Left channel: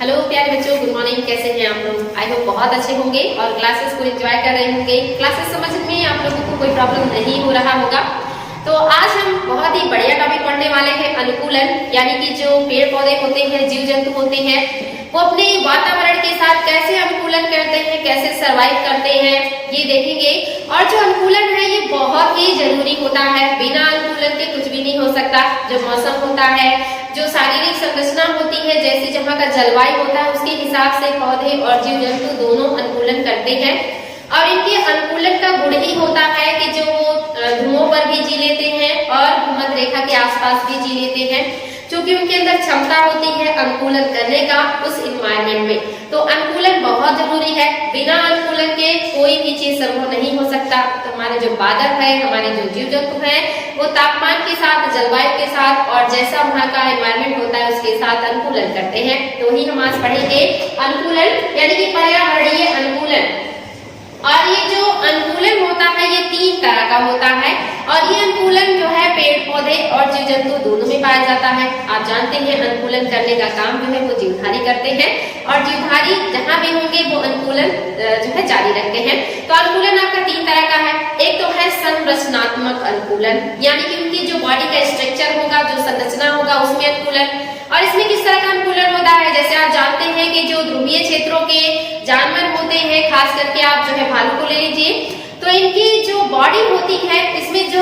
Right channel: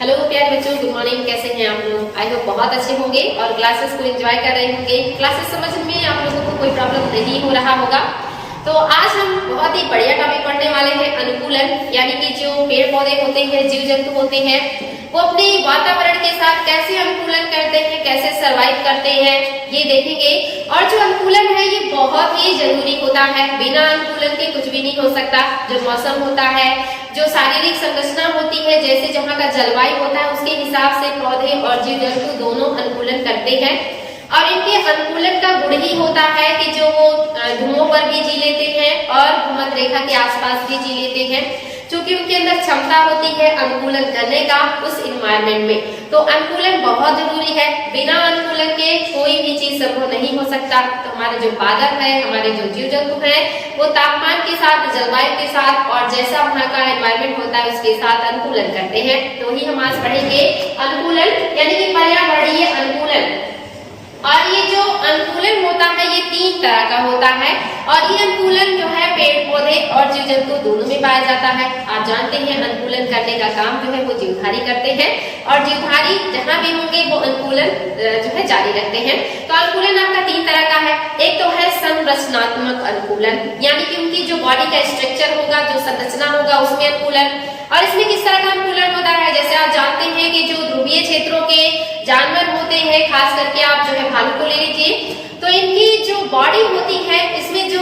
Hello प्यारे बच्चों, good morning. कैसे हैं आप लोग? आई होप बहुत अच्छे होंगे और क्लासेस को एंजॉय कर रहे होंगे। क्लासेस समझने में आप लोगों को कोई प्रॉब्लम नहीं हो रहा होगा। तो आज हम बहुत ही बढ़िया टॉपिक पढ़ने वाले हैं, अनुकूलन। यानी कि जो पेड़ पौधे होते हैं, जीव जंतु होते हैं, वो अपने वातावरण के साथ कैसे अनुकूलन करते हैं, कैसे सरवाइव करते हैं, ये देखेंगे। और जो अनुकूलन है ये बहुत ही जरूरी होता है। बिना अनुकूलन के कुछ भी नहीं हो सकता। जो मौसम होता है, जो शारीरिक संरचना होती है, जैसे जहाँ का जलवायु होता है, उसके हिसाब से पौधे और जीव जंतु दोनों अनुकूलन करते हैं। और इनके अनुकूलन का गुण ही होता है कि जो वो धुओं पर भी जी लेते हैं और भूमध्य रेखा के आसपास भी जी लेते हैं, क्योंकि उनके अंदर क्षमता होती है अनुकूलन करने का उस इन्वायरमेंट में। तो अनुकूलन बहुत जरूरी है। बिना अनुकूलन के कोई भी चीज संभव नहीं हो सकता। तो हमारे जो बादल है, हमारे जो जीव जंतु हैं, वो तापमान के साथ, जलवायु के साथ और जैसा वहाँ का एनवायरमेंट होता है उसके साथ अनुकूलन करते हैं। तो ही हम आज पढ़ेंगे अनुकूलन, यानी कि पर्यावरणीय अनुकूलन। और ये जो अनुकूलन होता है ये 3 तरह का होता है। और ये अनुकूलन जो है पेड़ पौधे और जीव जंतु दोनों में पाया जाता है। आप जानते हैं अनुकूलन करने का काम जो है वो जीवधारी करते हैं, और जीवधारी जहाँ भी होंगे वो अनुकूलन जो है जारी रखते हैं। तो अनुकूलन आपका 3 तरह का है। एक तो है संरचनात्मक अनुकूलन, यानी कि उनकी जो बॉडी का स्ट्रक्चर होगा, जो संरचना होगा, उसमें अनुकूलन। और इसमें किस तरह का अनुकूलन होता है? जैसे आप जानते हैं कि जो ध्रुवीय क्षेत्रों के जानवर होते हैं, खास करके आप जो है भालू को ले लीजिए, तो इनकी जो बॉडी होती है, इसमें जो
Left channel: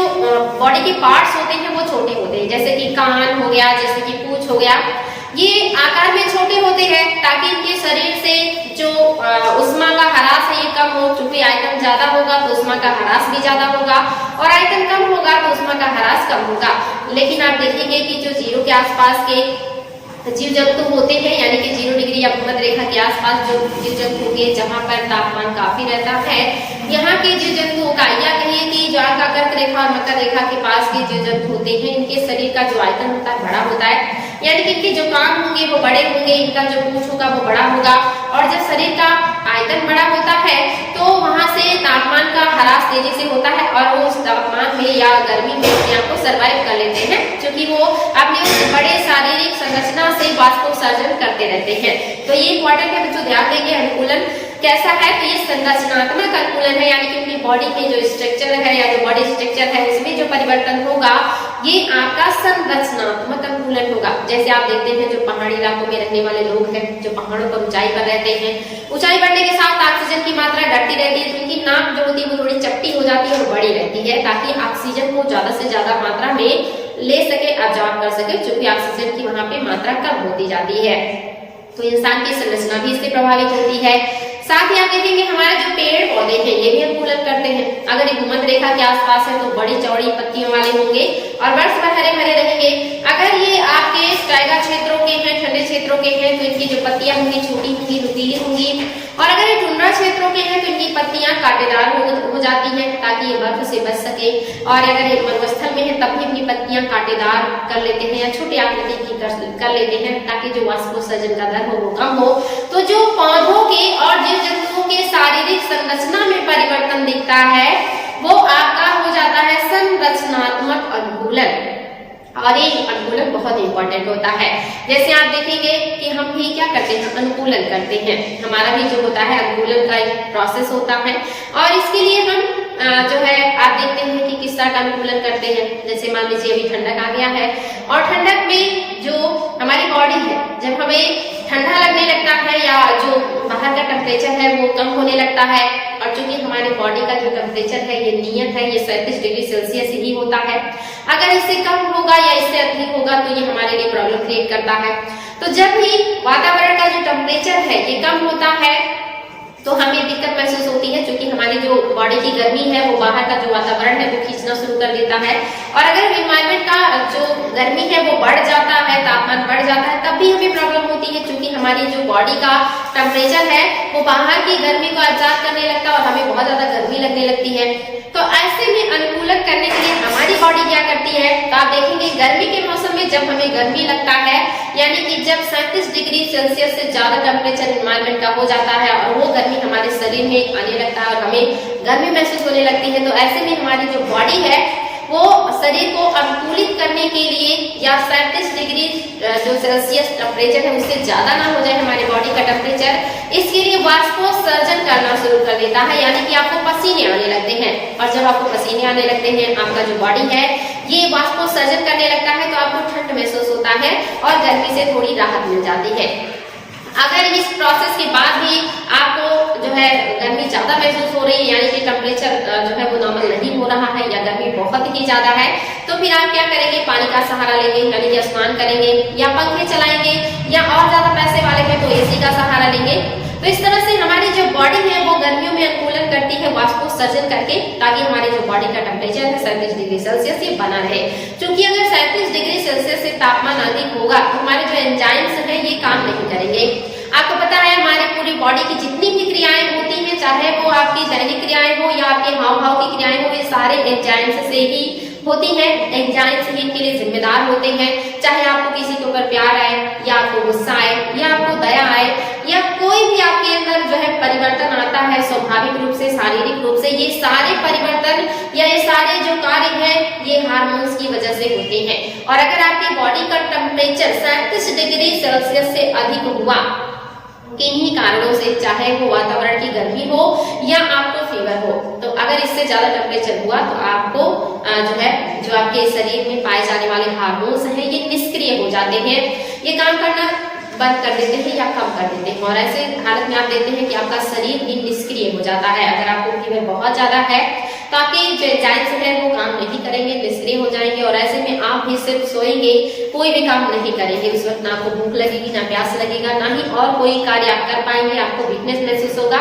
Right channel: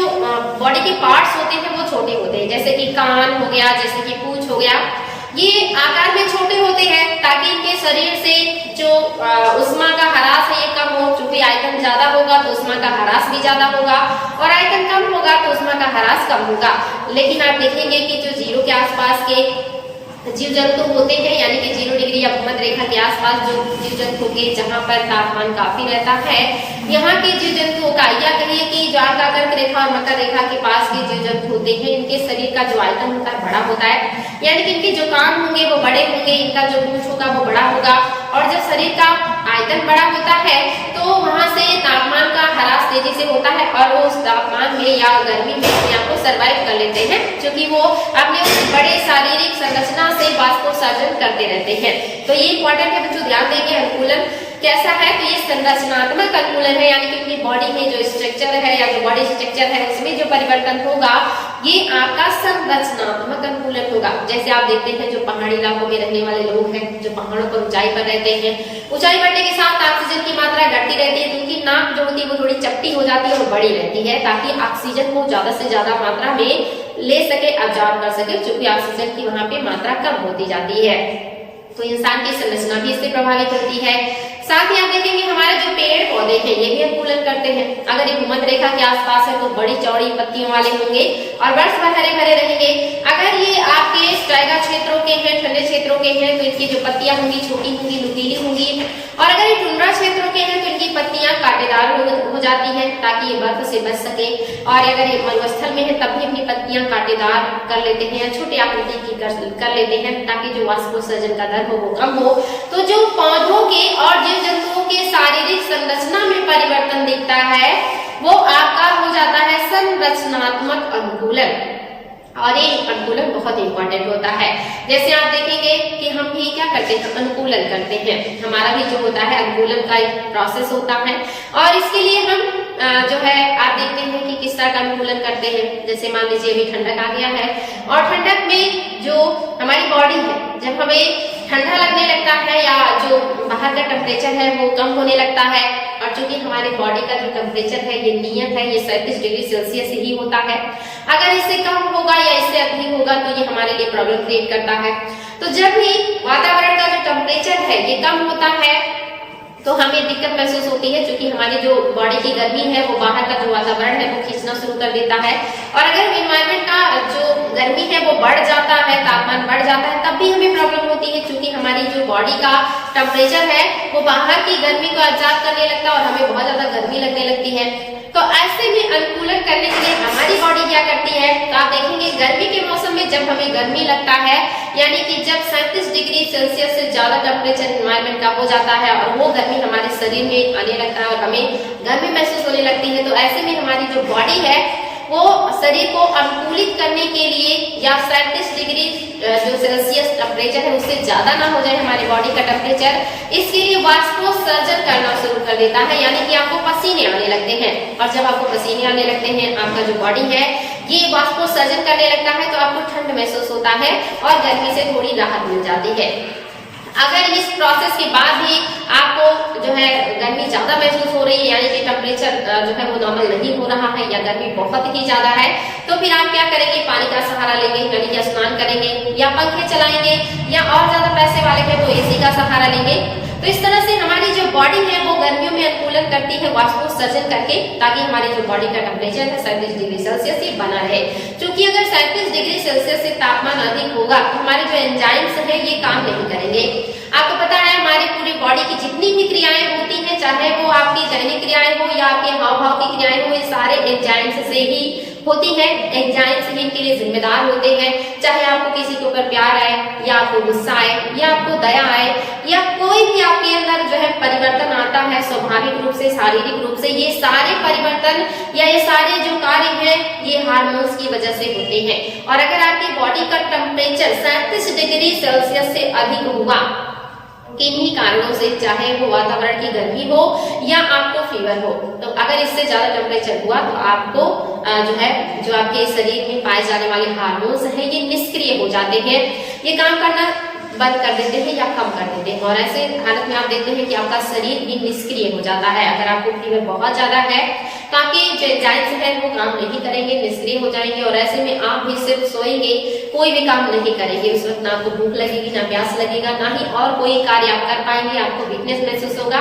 बॉडी के पार्ट्स होते हैं वो छोटे होते हैं। जैसे कि कान हो गया, जैसे कि पूंछ हो गया, ये आकार में छोटे होते हैं ताकि इनके शरीर से जो उष्मा का ह्रास है ये कम हो। चूंकि आयतन ज्यादा होगा तो उष्मा का ह्रास भी ज्यादा होगा, और आयतन कम होगा तो उष्मा का ह्रास कम होगा। लेकिन आप देखेंगे कि जो 0 के आसपास के जीव जंतु होते हैं, यानी कि 0 डिग्री या भूमध्य रेखा के आसपास जो जीव जंतु होंगे, जहाँ पर तापमान काफी रहता है, यहाँ के जीव जंतुओं का, या कहिए कि जो आपका कर्क रेखा और मकर रेखा के पास के जीव जंतु होते हैं, इनके शरीर का जो आयतन होता है बड़ा होता है। यानी कि इनके जो कान होंगे वो बड़े होंगे, इनका जो पूंछ होगा वो बड़ा होगा। और जब शरीर का आयतन बड़ा होता है तो वहां से तापमान का ह्रास तेजी से होता है, और वो उस तापमान में या गर्मी में अपने आप को सर्वाइव कर लेते हैं, क्योंकि वो अपने उस बड़े शारीरिक संरचना से वाष्पोत्सर्जन करते रहते हैं। तो ये इंपॉर्टेंट है बच्चों, ध्यान देंगे। अनुकूलन कैसा है? तो ये संरचनात्मक अनुकूलन है, यानी कि उनकी बॉडी में जो स्ट्रक्चर है या जो बॉडी स्ट्रक्चर है उसमें जो परिवर्तन होगा ये आपका संरचनात्मक अनुकूलन होगा। जैसे आप देखते हैं जो पहाड़ी इलाकों में रहने वाले लोग हैं, जो पहाड़ों पर ऊंचाई पर रहते हैं, ऊंचाई बढ़ने के साथ ऑक्सीजन की मात्रा घटती रहती है, तो उनकी नाक जो होती है वो थोड़ी चपटी हो जाती है और बड़ी रहती है, ताकि ऑक्सीजन को ज्यादा से ज्यादा मात्रा में ले सके, अब्जॉर्ब कर सके, क्योंकि ऑक्सीजन की वहां पे मात्रा कम होती जाती है। तो इंसान की संरचना भी इससे प्रभावित होती है। साथ ही आप देखेंगे हमारे जो पेड़ पौधे हैं ये भी अनुकूलन करते हैं। अगर ये भूमध्य रेखा के आसपास है तो बड़ी चौड़ी पत्तियों वाले होंगे और वर्ष भर हरे भरे रहेंगे। अगर ये आपके टाइगर क्षेत्रों के हैं, ठंडे क्षेत्रों के हैं, तो इनकी जो पत्तियां होंगी छोटी होंगी, नुकीली होंगी। और अगर ये टुंड्रा क्षेत्रों के हैं तो इनकी पत्तियां कांटेदार हो जाती हैं, ताकि ये बर्फ से बच सके। और अगर ये मरुस्थल में है तब भी अपनी पत्तियां कांटेदार कर लेते हैं या छोटी आकृति की कर लेते हैं, ताकि जो वाष्पोत्सर्जन का दर हो वो कम हो। तो जो पौधों के और जीव जंतुओं के शारीरिक संरचना में परिवर्तन दिखता है वो आपका हो जाता है संरचनात्मक अनुकूलन। और ये अनुकूलन बहुत इंपॉर्टेंट होता है। जैसे आप देखेंगे कि हम भी क्या करते हैं, अनुकूलन करते हैं। हमारा भी जो होता है अनुकूलन का एक प्रोसेस होता है, और इसके लिए हम जो है आप देखते हैं कि किस तरह का अनुकूलन करते हैं। जैसे मान लीजिए अभी ठंडक आ गया है, और ठंडक में जो हमारी बॉडी है, जब हमें ठंडा लगने लगता है या जो बाहर का टेम्परेचर है वो कम होने लगता है, और चूंकि हमारे बॉडी का जो टेम्परेचर है ये नियत है, ये 37 डिग्री सेल्सियस ही होता है। अगर इससे कम होगा या इससे अधिक होगा तो ये हमारे लिए प्रॉब्लम क्रिएट करता है। तो जब भी वातावरण का जो टेम्परेचर है ये कम होता है तो हमें दिक्कत महसूस होती है, क्योंकि हमारी जो बॉडी की गर्मी है वो बाहर का जो वातावरण है वो खींचना शुरू कर देता है। और अगर एनवायरमेंट का जो गर्मी है वो बढ़ जाता है, तापमान बढ़ जाता है, तब भी हमें प्रॉब्लम होती है, क्योंकि हमारी जो बॉडी का टेम्परेचर है वो बाहर की गर्मी को एब्जॉर्ब करने लगता है और हमें बहुत ज्यादा गर्मी लगने लगती है। तो ऐसे में अनुकूलन करने के लिए हमारी बॉडी क्या करती है? तो आप देखेंगे गर्मी के मौसम में जब हमें गर्मी लगता है, यानी कि जब 37 डिग्री सेल्सियस से ज्यादा टेम्परेचर एनवायरमेंट का हो जाता है और वो गर्मी हमारे शरीर में आने लगता है और हमें गर्मी महसूस होने लगती है, तो ऐसे में हमारी जो बॉडी है वो शरीर को अनुकूलित करने के लिए या 37 डिग्री जो सेल्सियस टेम्परेचर है उससे ज्यादा ना हो जाए हमारे बॉडी का टेम्परेचर, इसके लिए वाष्पोत्सर्जन करना शुरू कर देता है, यानी कि आपको पसीने आने लगते हैं। और जब आपको पसीने आने लगते हैं, आपका जो बॉडी है ये वाष्पोत्सर्जन करने लगता है, तो आपको ठंड महसूस होता है और गर्मी से थोड़ी राहत मिल जाती है। अगर इस प्रोसेस के बाद भी आपको जो है गर्मी ज्यादा महसूस हो रही है, यानी कि टेम्परेचर जो है वो नॉर्मल नहीं हो रहा है या गर्मी बहुत ही ज्यादा है, तो फिर आप क्या करेंगे, पानी का सहारा लेंगे, यानी कि स्नान करेंगे या पंखे चलाएंगे, या और ज्यादा पैसे वाले हैं तो एसी का सहारा लेंगे। तो इस तरह से हमारी जो बॉडी है वो गर्मियों में अनुकूलन करती है वाष्पोत्सर्जन करके, ताकि हमारी जो बॉडी का टेम्परेचर है 37 डिग्री सेल्सियस ये बना रहे। क्योंकि अगर 37 डिग्री सेल्सियस से तापमान अधिक होगा तो हमारे जो एंजाइम्स है ये काम नहीं करेंगे। आपको पता है हमारी पूरी बॉडी की जितनी भी क्रियाएं होती हैं, चाहे वो आपकी दैनिक क्रियाएं हो या आपके हाव भाव की क्रियाएं हो, ये सारे एंजाइम्स से ही होती है। एंजाइम्स ही इनके लिए जिम्मेदार होते हैं। चाहे आपको किसी के ऊपर प्यार आए या आपको गुस्सा आए या आपको दया आए या कोई भी आपके अंदर जो है परिवर्तन आता है स्वाभाविक रूप से, शारीरिक रूप से, ये सारे परिवर्तन या ये सारे जो कार्य हैं ये हार्मोन्स की वजह से होते हैं। और अगर आपकी बॉडी का टेम्परेचर 37 डिग्री सेल्सियस से अधिक हुआ किन्हीं कारणों से, चाहे वो वातावरण की गर्मी हो या आपको फीवर हो, तो अगर इससे ज्यादा टेम्परेचर हुआ तो आपको जो है जो आपके शरीर में पाए जाने वाले हार्मोन्स हैं ये निष्क्रिय हो जाते हैं, ये काम करना बंद कर देते हैं या कम कर देते हैं। और ऐसे हालत में आप देखते हैं कि आपका शरीर भी निष्क्रिय हो जाता है। अगर आपको फीवर बहुत ज्यादा है तो आपके जो एंजाइम्स हैं वो काम नहीं करेंगे, निष्क्रिय हो जाएंगे, और ऐसे में आप भी सिर्फ सोएंगे, कोई भी काम नहीं करेंगे। उस वक्त ना आपको भूख लगेगी, ना प्यास लगेगा, ना ही और कोई कार्य आप कर पाएंगे, आपको वीकनेस महसूस होगा,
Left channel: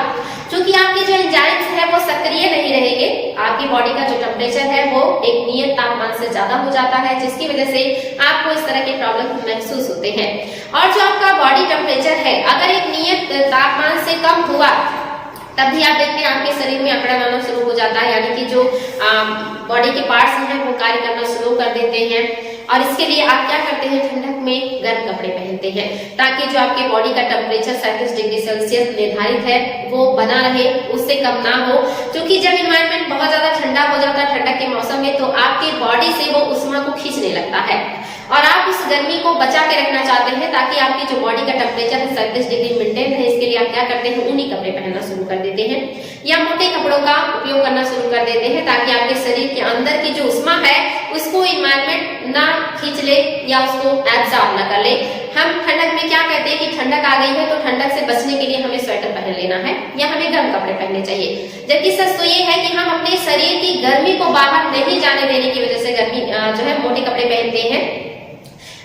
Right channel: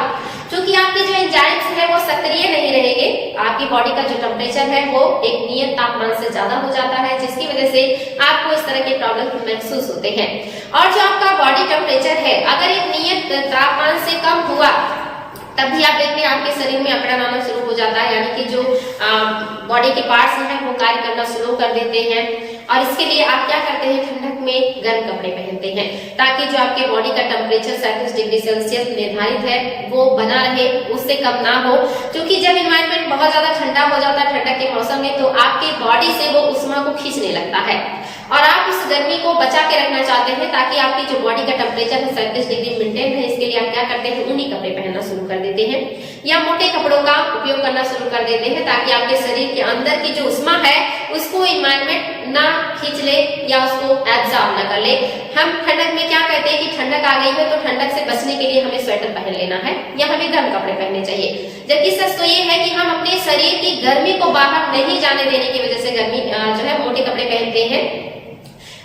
क्योंकि आपके जो एंजाइम्स है वो सक्रिय नहीं रहेंगे। आपकी बॉडी का जो टेम्परेचर है वो एक नियत तापमान से ज्यादा हो जाता है, जिसकी वजह से आपको इस तरह के प्रॉब्लम महसूस होते हैं। और जो आपका बॉडी टेम्परेचर है अगर एक नियत तापमान से कम हुआ तब भी आप देखते हैं आपके शरीर में अकड़न आना शुरू हो जाता है, यानी कि जो बॉडी के पार्ट्स हैं वो कार्य करना शुरू कर देते हैं। और इसके लिए आप क्या करते हैं, ठंडक में गर्म कपड़े पहनते हैं, ताकि जो आपके बॉडी का टेम्परेचर 37 डिग्री सेल्सियस निर्धारित है वो बना रहे, उससे कम ना हो। क्योंकि जब इन्वायरमेंट बहुत ज्यादा ठंडा हो जाता है ठंडक के मौसम में, तो आपके बॉडी से वो उष्मा को खींचने लगता है और आप उस गर्मी को बचा के रखना चाहते हैं, ताकि आपकी जो बॉडी का टेम्परेचर है 37 डिग्री मेंटेन रहे। इसके लिए आप क्या करते हैं, ऊनी कपड़े पहनना शुरू कर देते हैं या मोटे कपड़ों का उपयोग करना शुरू कर देते हैं, ताकि आपके शरीर के अंदर की जो उष्मा है उसको इन्वायरमेंट ना खींच ले या उसको एब्जॉर्ब ना कर ले। हम ठंडक में क्या कहते हैं कि ठंडक आ गई है तो ठंडक से बचने के लिए हमें स्वेटर पहन लेना है या हमें गर्म कपड़े पहनने चाहिए, जबकि सच तो ये है कि हम अपने शरीर की गर्मी को बाहर नहीं जाने देने की वजह से गर्मी जो है मोटे कपड़े पहनते हैं।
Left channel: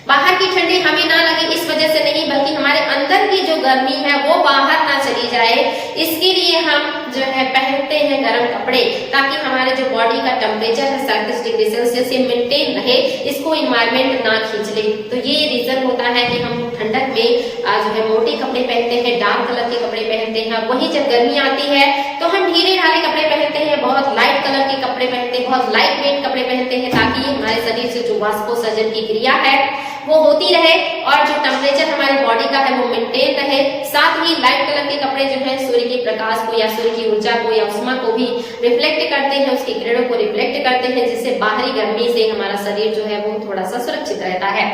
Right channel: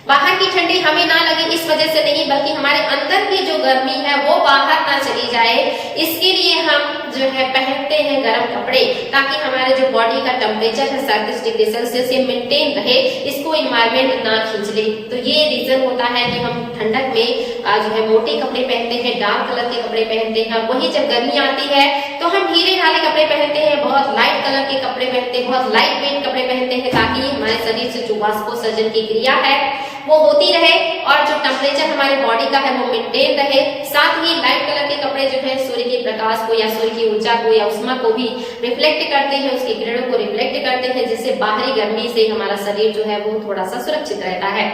बाहर की ठंडी हमें ना लगे इस वजह से नहीं, बल्कि हमारे अंदर की जो गर्मी है वो बाहर ना चली जाए, इसके लिए हम जो है पहनते हैं गर्म कपड़े, ताकि हमारे जो बॉडी का टेम्परेचर है 37 डिग्री सेल्सियस ये मेंटेन रहे, इसको इन्वायरमेंट ना खींच ले। तो ये रीजन होता है कि हम ठंडक में जो है मोटे कपड़े पहनते हैं, डार्क कलर के कपड़े पहनते हैं। वही जब गर्मी आती है तो हम ढीले ढाले कपड़े पहनते हैं, बहुत लाइट कलर के कपड़े पहनते हैं, बहुत लाइट वेट कपड़े पहनते हैं, ताकि हमारे शरीर से जो वाष्पोत्सर्जन की क्रिया है वो होती रहे और जो टेम्परेचर हमारे बॉडी का है वो मेंटेन रहे। साथ ही लाइट कलर के कपड़े जो है सूर्य के प्रकाश को या सूर्य की ऊर्जा को या उष्मा को भी रिफ्लेक्ट करते हैं, उसकी किरणों को रिफ्लेक्ट करते हैं, जिससे बाहरी गर्मी से हमारा शरीर जो है वो थोड़ा सा सुरक्षित रहता है।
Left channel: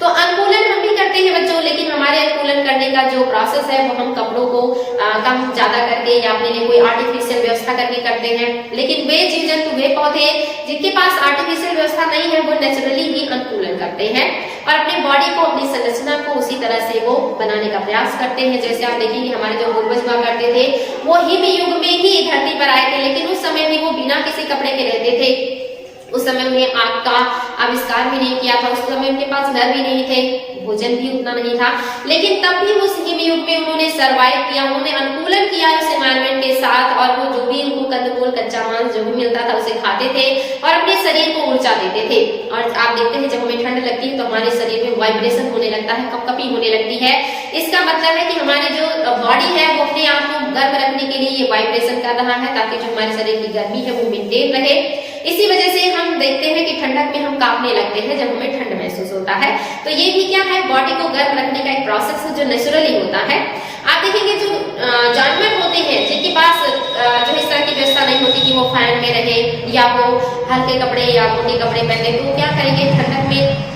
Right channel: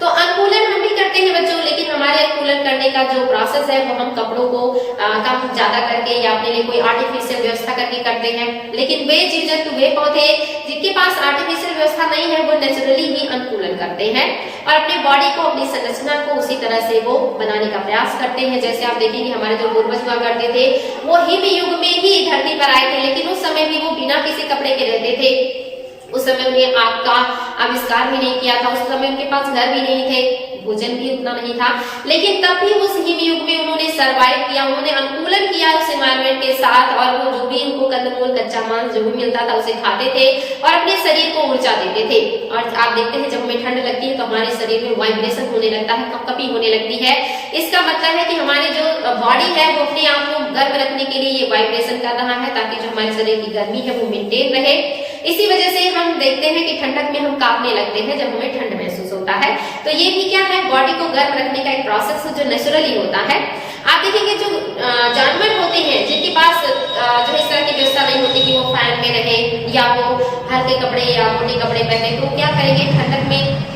तो अनुकूलन हम भी करते हैं बच्चों, लेकिन हमारे अनुकूलन करने का जो प्रोसेस है वो हम कपड़ों को कम ज्यादा करके या अपने लिए कोई आर्टिफिशियल व्यवस्था करके करते हैं। लेकिन वे जीव जंतु, वे पौधे जिनके पास आर्टिफिशियल व्यवस्था नहीं है वो नेचुरली ही अनुकूलन करते हैं और अपने बॉडी को, अपनी संरचना को उसी तरह से वो बनाने का प्रयास करते हैं। जैसे आप देखेंगे हमारे जो पूर्वज हुआ करते थे वो हिम युग में ही धरती पर आए थे, लेकिन उस समय भी वो बिना किसी कपड़े के रहते थे। उस समय उन्हें आग का आविष्कार भी नहीं किया था, उस समय उनके पास घर भी नहीं थे, भोजन भी उतना नहीं था, लेकिन तब भी उस हिम युग में उन्होंने सर्वाइव किया, उन्होंने अनुकूलन किया उस एनवायरनमेंट के साथ, और वो जो भी उनको कंदमूल, कच्चा मांस जो भी मिलता था उसे खाते थे और अपने शरीर को ऊर्जा देते थे। और आप देखते हैं जब हमें ठंड लगती है तो हमारे शरीर में वाइब्रेशन होने लगता है, कपकपी होने लगती है। इसका मतलब है कि हमारी जो बॉडी है वो अपने आप को गर्म रखने के लिए ये वाइब्रेशन कर रहा है, ताकि जो हमारे शरीर की गर्मी है वो मेंटेन रहे। इसी वजह से हम देखते हैं कि ठंडक में हम कांपने लगते हैं जब हमें ठंड महसूस होता है। तो ये भी क्या है, बॉडी को गर्म रखने का एक प्रोसेस है जो नेचुरली होता है। आप देखेंगे जो जानवर होते हैं जिनके पास जो इस तरह की व्यवस्था नहीं होती कि वो फैन में रहे या वो हल्के कपड़े या मोटे कपड़े पहने, तो क्या करेंगे, ठंडक में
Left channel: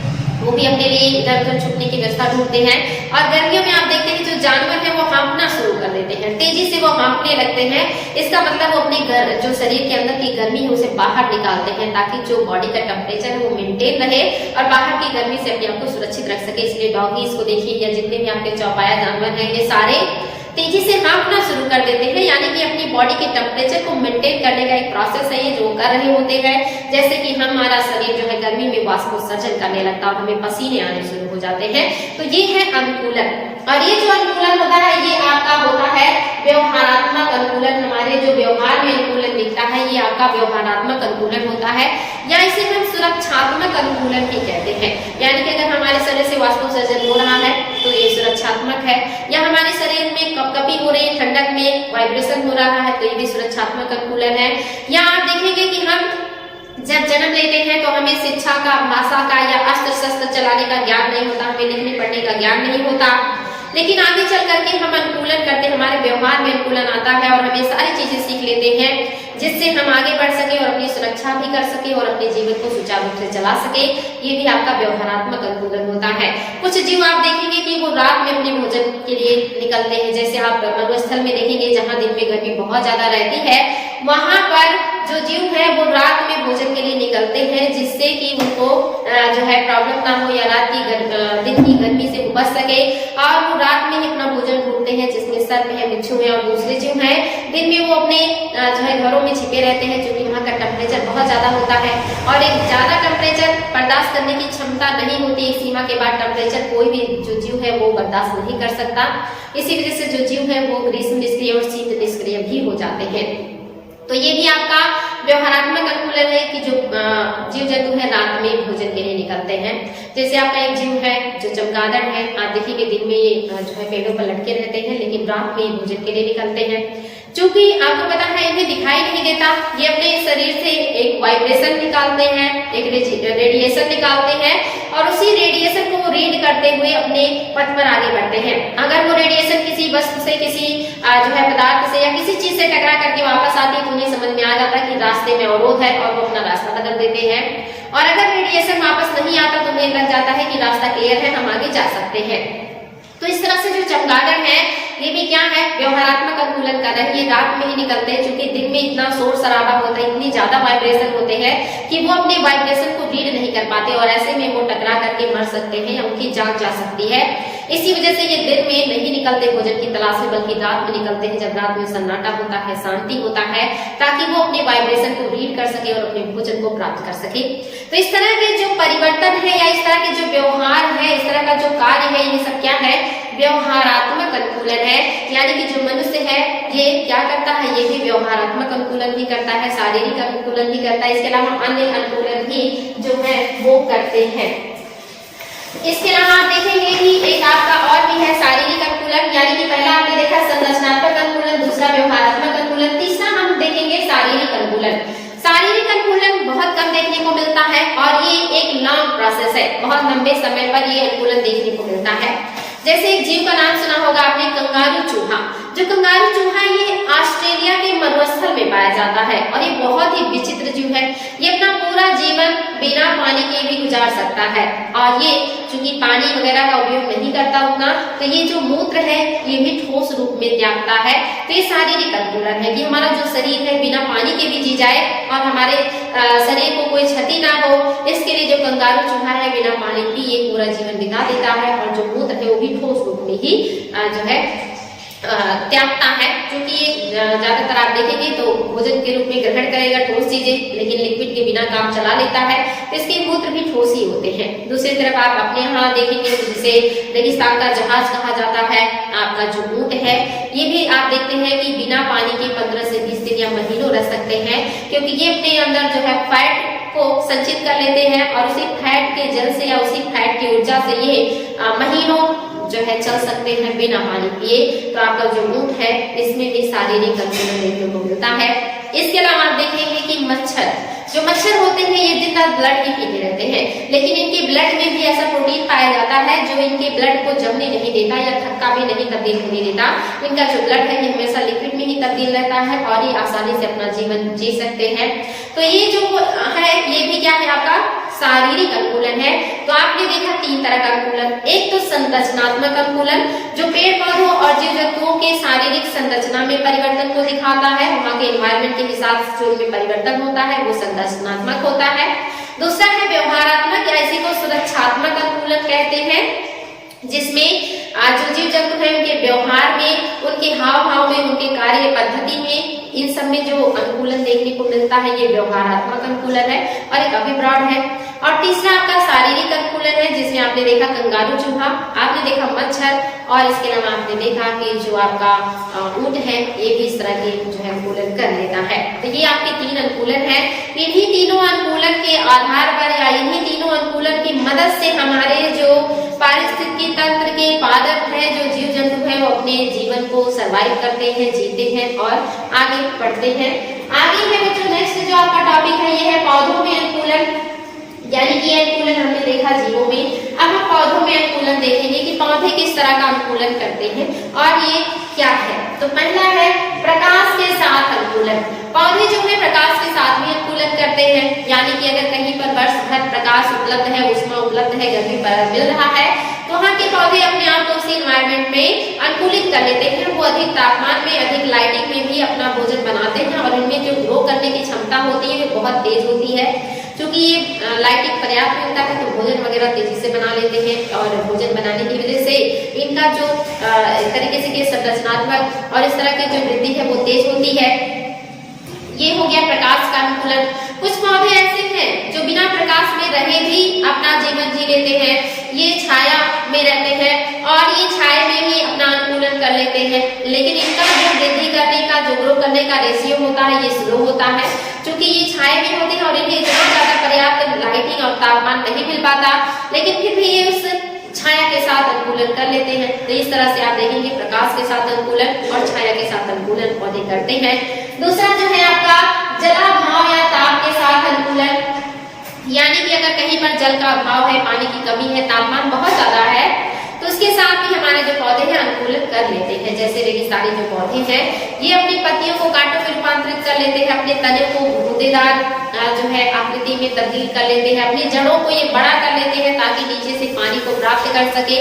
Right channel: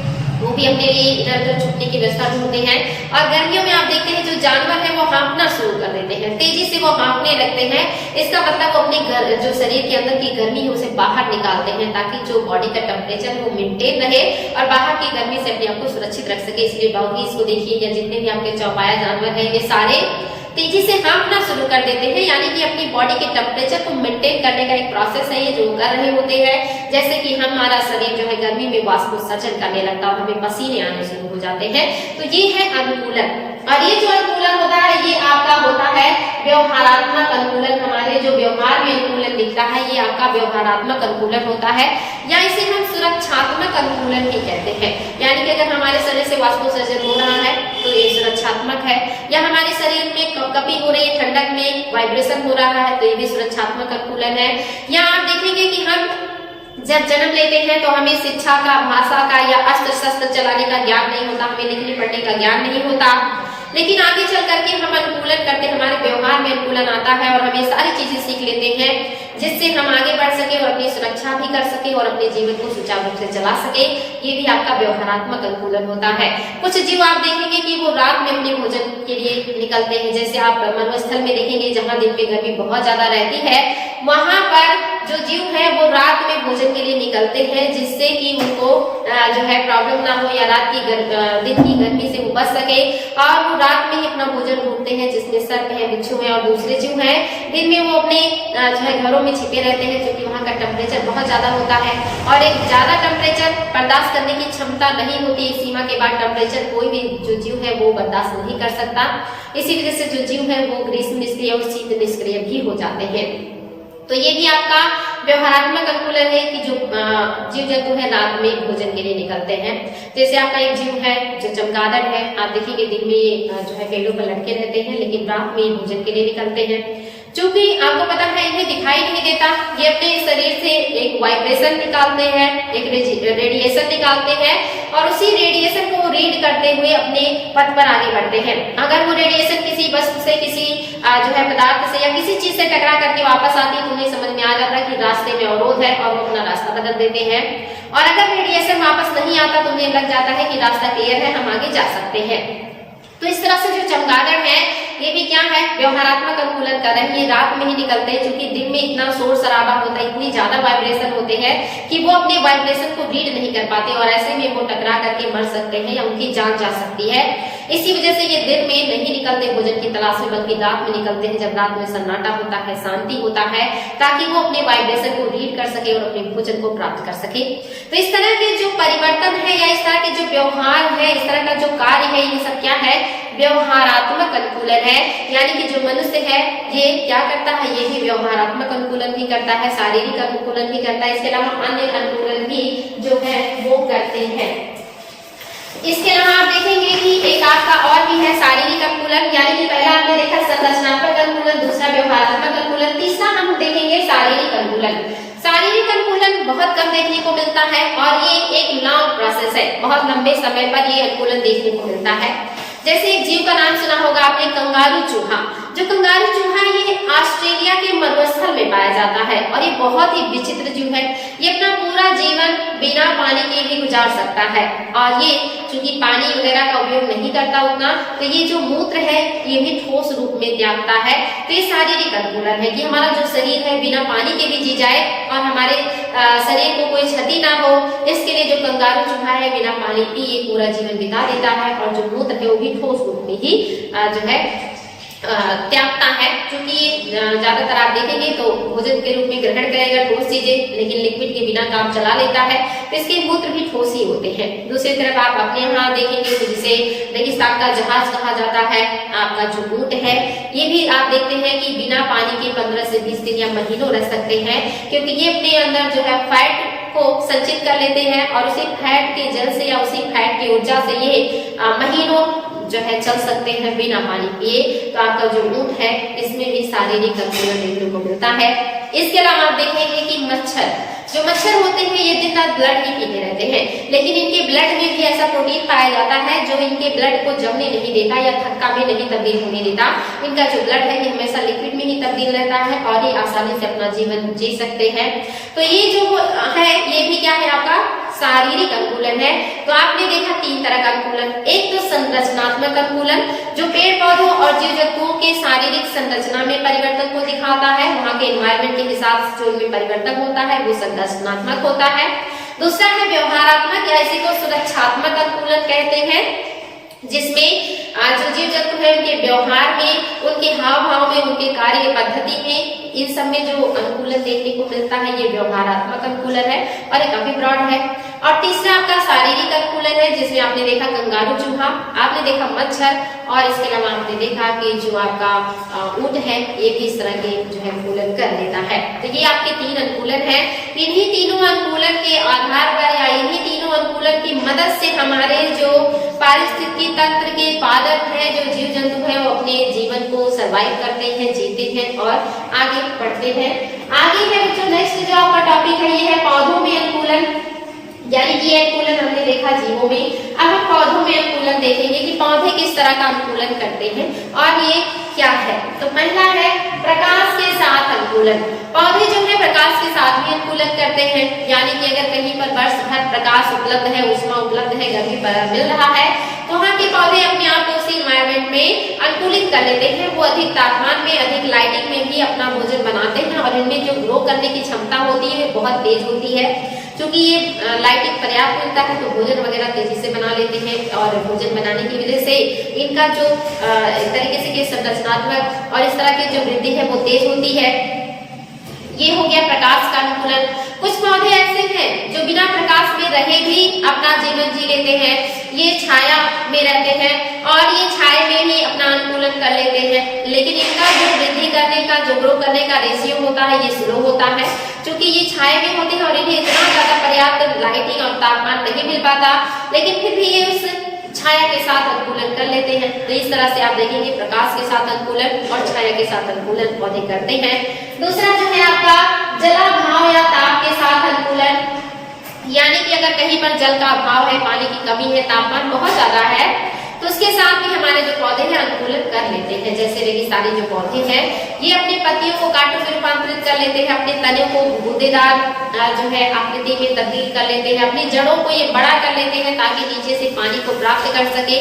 वो भी अपने लिए इधर उधर छुपने की व्यवस्था ढूंढते हैं। और गर्मियों में आप देखते हैं जो जानवर है वो हाँफना शुरू कर देते हैं, तेजी से वो हाँफने लगते हैं। इसका मतलब वो अपने जो शरीर के अंदर की गर्मी है उसे बाहर निकालते हैं ताकि जो बॉडी का टेम्परेचर है वो मेंटेन रहे और बाहर की गर्मी से अपने आप को सुरक्षित रख सके। इसलिए डॉगीज को देखिए या जितने भी आपके चौपाया जानवर है ये सारे तेजी से हाँफना शुरू कर देते हैं, यानी कि अपनी बॉडी के टेम्परेचर को मेंटेन करने का एक प्रोसेस है ये जो कर रहे होते हैं। जैसे कि हमारा शरीर जो है गर्मी में वाष्पोत्सर्जन करने लगता है और हमें पसीने आने शुरू हो जाते हैं। तो ये है अनुकूलन। और ये जो अनुकूलन होता है ये आपका होता है व्यवहारात्मक अनुकूलन। हमारे जो व्यवहार में अनुकूलन दिखता है ये आपका व्यवहारात्मक अनुकूलन होता है, या इसे हम सुरक्षात्मक अनुकूलन भी कहते हैं। यानी कि अगर हमारे शरीर से वाष्पोत्सर्जन हो रहा है तो ये सुरक्षात्मक है, या हमारे शरीर में कपकपी हो रही है, ठंडक में वाइब्रेशन हो रहा है तो ये भी सुरक्षात्मक अनुकूलन है। या आप देखेंगे कि हम जब जन्म लेते हैं तो हमें शिक्षा का, भाषा का या अस्त्र शस्त्र चलाने का ज्ञान नहीं होता, हमें लिखने पढ़ने का ज्ञान नहीं होता, लेकिन आगे चल करके हम अनुकूलन करते, हमारे व्यवहार में अनुकूलन आता है और हम ये सारी चीजें सीख लेते हैं जिससे हम आगे बढ़ सके और अपनी सुरक्षा भी कर सके और अपने जीवन को सुचारू रूप से चला सके। ये भी आपका व्यवहारात्मक अनुकूलन होता है। कुछ जीव आप देखेंगे कि वो रात में अपने भोजन के लिए निकलते हैं। जैसे आप मरुस्थल में देखेंगे जहाँ दिन में गर्मी बहुत ज्यादा रहती है, वहां पर जो जीव है वो रात में भोजन के लिए निकलते हैं जिससे कि उनको जो है प्रॉब्लम ना हो या रात की दिन की गर्मी से वो बच सके। और वो रात में ही अपना भोजन ढूंढते हैं जिसमें सर्प है, बिच्छू है और दूसरे जीव हैं। दिन में वो अपने जो है घरों में छिपे रहते हैं क्योंकि वहाँ का टेम्परेचर बहुत ज्यादा होता है और एक ज्यादा टेम्परेचर बर्दाश्त करने की क्षमता नहीं होती। एक सीमा के बाद टेम्परेचर कोई भी जो जीव है वो बर्दाश्त नहीं कर सकता। इसी वजह से जो जीव है वो ग्रीष्म निष्क्रिय और शीत निष्क्रिय भी हो जाते हैं। तो ये भी आपका व्यवहारात्मक अनुकूलन है कि जो जीव जंतु है रात में भोजन के लिए निकलते हैं। जैसे आपका एक जीव है जो चमगादड़ है, आप देखिए दिन में ये जो है पेड़ों पर लटके रहते हैं लेकिन रात में भोजन के लिए निकलते हैं। चूंकि आपको पता है इन्हें दिखाई नहीं देता, ये अपने शरीर से एक वाइब्रेशन निकालते हैं, एक रेडिएशन निकालते हैं और उसी रेडिएशन को वो रीड करते हुए अपने पथ पर आगे बढ़ते हैं। अगर वो रेडिएशन किसी वस्तु से, किसी जो है पदार्थ से या किसी चीज से टकरा करके वापस आती है तो उन्हें समझ में आ जाता है कि रास्ते में अवरोध है और वो अपना रास्ता बदल देते हैं। और अगर रेडिएशन वापस नहीं आता तो उन्हें लग जाता है कि रास्ता क्लियर है, हम आगे जा सकते हैं। तो इस तरह से जो चमगादड़ है ये भी क्या है, व्यवहारात्मक अनुकूलन कर रहे हैं। ये रात में ही निकलते हैं क्योंकि दिन में इतना शोर शराबा होता है, इतनी ज्यादा वाइब्रेशन होते हैं कि वो अपने वाइब्रेशन को रीड नहीं कर पाते और ऐसे में वो टकरा करके मर सकते हैं या उनकी जान जा सकती है। इसी वजह से ये दिन में नहीं निकलते भोजन की तलाश में, बल्कि रात में निकलते हैं जब रात में सन्नाटा होता है, शांति होता है, ताकि वो अपने वाइब्रेशन को रीड कर सके और अपने भोजन को प्राप्त कर सके। तो इस तरह के जो परिवर्तन है या इस तरह के जो व्यवहार है, इस तरह का जो कार्य है, ये सब क्या है, व्यवहारात्मक अनुकूलन है। यानी कि जो मनुष्य है ये क्या करता है, ये भी व्यवहारात्मक अनुकूलन भी करता है, शारीरिक अनुकूलन भी करता है, इसके अलावा अन्य अनुकूलन भी जो है वो करते हैं। इसके अलावा आप देखेंगे कि एक आपका और भी है शारीरिक अनुकूलन। यानी कि पहला आपने देखा संरचनात्मक अनुकूलन, दूसरा व्यवहारात्मक अनुकूलन, तीसरा हम देखेंगे शारीरिक अनुकूलन। शारीरिक अनुकूलन बहुत कम देखने को मिलता है और ये एक लॉन्ग प्रोसेस है, बहुत लंबे समय पर ये अनुकूलन देखने को मिलता है। जैसे एक जीव का नाम सुना होगा आपने, कंगारू चूहा। जो कंगारू चूहा ये ऑस्ट्रेलिया के मरुस्थल में पाया जाता है और ये बहुत ही विचित्र जीव है। ये अपना पूरा जीवन बिना पानी के भी गुजार सकता है और ये चूंकि पानी वगैरह का उपयोग नहीं करता उतना, तो ये जो मूत्र है ये भी ठोस रूप में त्यागता है। तो ये शारीरिक अनुकूलन है कि हमारा जो शरीर है बिना पानी के भी जी जाए और हमारे शरीर को कोई क्षति ना हो, इसके लिए जो कंगारू चूहा है बिना पानी पी ये पूरा जीवन बिता देता है और जो मूत्र है वो भी ठोस रूप में ही जो है त्यागता है। क्योंकि ये ज्यादातर आप देखेंगे तो भोजन के रूप में ग्रहण करेगा ठोस चीजें, लेकिन लिक्विड के बिना काम चला लेता है, तो इसके मूत्र भी ठोस ही होते हैं। दूसरी तरफ आप अपने यहाँ देखेंगे तो जिसे रेगिस्तान का जहाज कहा जाता है, आपका जो ऊंट है ये भी आप देखते हैं कि बिना पानी के 15 से 20 दिन या महीनों रह सकते हैं, क्योंकि ये अपने अंदर जो है फैट को संचित कर लेते हैं और उसी फैट के जल से या उसी फैट की ऊर्जा से ये महीनों जो है चल सकते हैं बिना पानी पिए। तो आपका जो ऊंट है इसमें भी शारीरिक अनुकूलन देखने को मिलता है। इसके अलावा आप देखेंगे कि मच्छर, जो मच्छर होते हैं ये दिन रात ब्लड ही पीते रहते हैं, लेकिन इनके ब्लड में भी ऐसा प्रोटीन पाया जाता है जो इनके ब्लड को जमने नहीं देता या थक्का में नहीं तब्दील होने देता। इनका जो ब्लड है ये हमेशा लिक्विड में ही तब्दील रहता है और ये आसानी से अपना जीवन जी सकते हैं। तो ये जो है ये भी क्या है आपका शारीरिक अनुकूलन है। तो आपने देखा 3 तरह का अनुकूलन। एक तो संरचनात्मक अनुकूलन जो पेड़ पौधों और जीव जंतुओं के शारीरिक संरचना में परिवर्तन को दिखाता है, वहां के एनवायरनमेंट के हिसाब से जो इनमें परिवर्तन होता है वो संरचनात्मक होता है। दूसरा है व्यवहारात्मक या इसी को सुरक्षात्मक अनुकूलन कहते हैं, जिसमें जो जीव जंतु है उनके व्यवहार में, उनके हाव भाव में, उनके कार्य पद्धति में, इन सब में जो अनुकूलन देखने को मिलता है ये व्यवहारात्मक अनुकूलन है और ये काफी ब्रॉड है। और तीसरा आपका शारीरिक अनुकूलन है, जिसमें आपने देखा कंगारू चूहा, आपने देखा मच्छर और इसके अलावा आपने देखा कि जो आपका ऊंट है ये भी इस तरह के जो है अनुकूलन कर लेता है। तो ये आपके 3 अनुकूलन है। इन्हीं तीनों अनुकूलन के आधार पर या इन्हीं तीनों अनुकूलन की मदद से हमारे जो पारिस्थितिकी तंत्र के पादप है, जो जीव जंतु है वो अपने जीवन को सरवाइव करते हैं, जीते हैं और आगे बढ़ते हैं। आगे है बच्चों नेक्स्ट जो आपका टॉपिक है ये है पौधों में अनुकूलन, यानी कि अनुकूलन हमने देखा जीवों में। अब हम पौधों में अनुकूलन देखेंगे कि पौधे किस तरह का अनुकूलन करते हैं और ये क्या है। तो पहला है प्रकाश के साथ अनुकूलन। पौधे जो है प्रकाश के साथ भी अनुकूलन करते हैं, यानी कि अगर कहीं पर वर्ष भर प्रकाश उपलब्ध है, उष्मा उपलब्ध है, गर्मी मिल रहा है, तो वहाँ के पौधे अपने आप को उसी एनवायरनमेंट में अनुकूलित कर लेते हैं। वो अधिक तापमान में, अधिक लाइटिंग में भी अपना भोजन बनाते हैं और इनमें जो ग्रो करने की क्षमता होती है वो बहुत तेज होती है। क्योंकि ये लाइटिंग पर्याप्त मिलता है तो भोजन वगैरह तेजी से बना लेते हैं और भोजन बनाने की वजह से इनका जो एक तरीके से कि संरचनात्मक और इस तरह की जो वृद्धि है वो तेज होती है। ये हो गया प्रकाश का अनुकूलन। कुछ पौधे ऐसे हैं जो बिना प्रकाश में रहे भी अपना जीवन जी लेते हैं। ये छाया में रहते हैं और ये छाया में ही अपना अनुकूलन कर लेते हैं, लेकिन इनका जो वृद्धि करने का, जो ग्रो करने का रेशियो होता है ये स्लो होता है, क्योंकि ये छाया में होती है और इन्हें इतना ज्यादा पर्याप्त लाइटिंग और तापमान नहीं मिल पाता, लेकिन फिर भी ये उस छाया के साथ अनुकूलन कर लेते हैं। तो इस तरह से आप देखेंगे प्रकाश के साथ अनुकूलन और छाया के साथ अनुकूलन पौधे करते हैं। दूसरा जो है आपका जलाभाव या ताप के साथ अनुकूलन, यानी कि अगर कहीं पर जल का अभाव है, पानी की कमी है, तापमान बहुत ज्यादा है, तो उसके साथ भी हमारे जो पौधे हैं अनुकूलन कर लेते हैं। जैसे रेगिस्तानी जो पौधे हैं ये अपनी पत्तियों को कांटों में रूपांतरित कर लेते हैं, अपने तने को गूदेदार जो है आकृति में तब्दील कर लेते हैं, अपनी जड़ों को ये बड़ा कर लेते हैं ताकि नीचे से पानी को प्राप्त कर सके।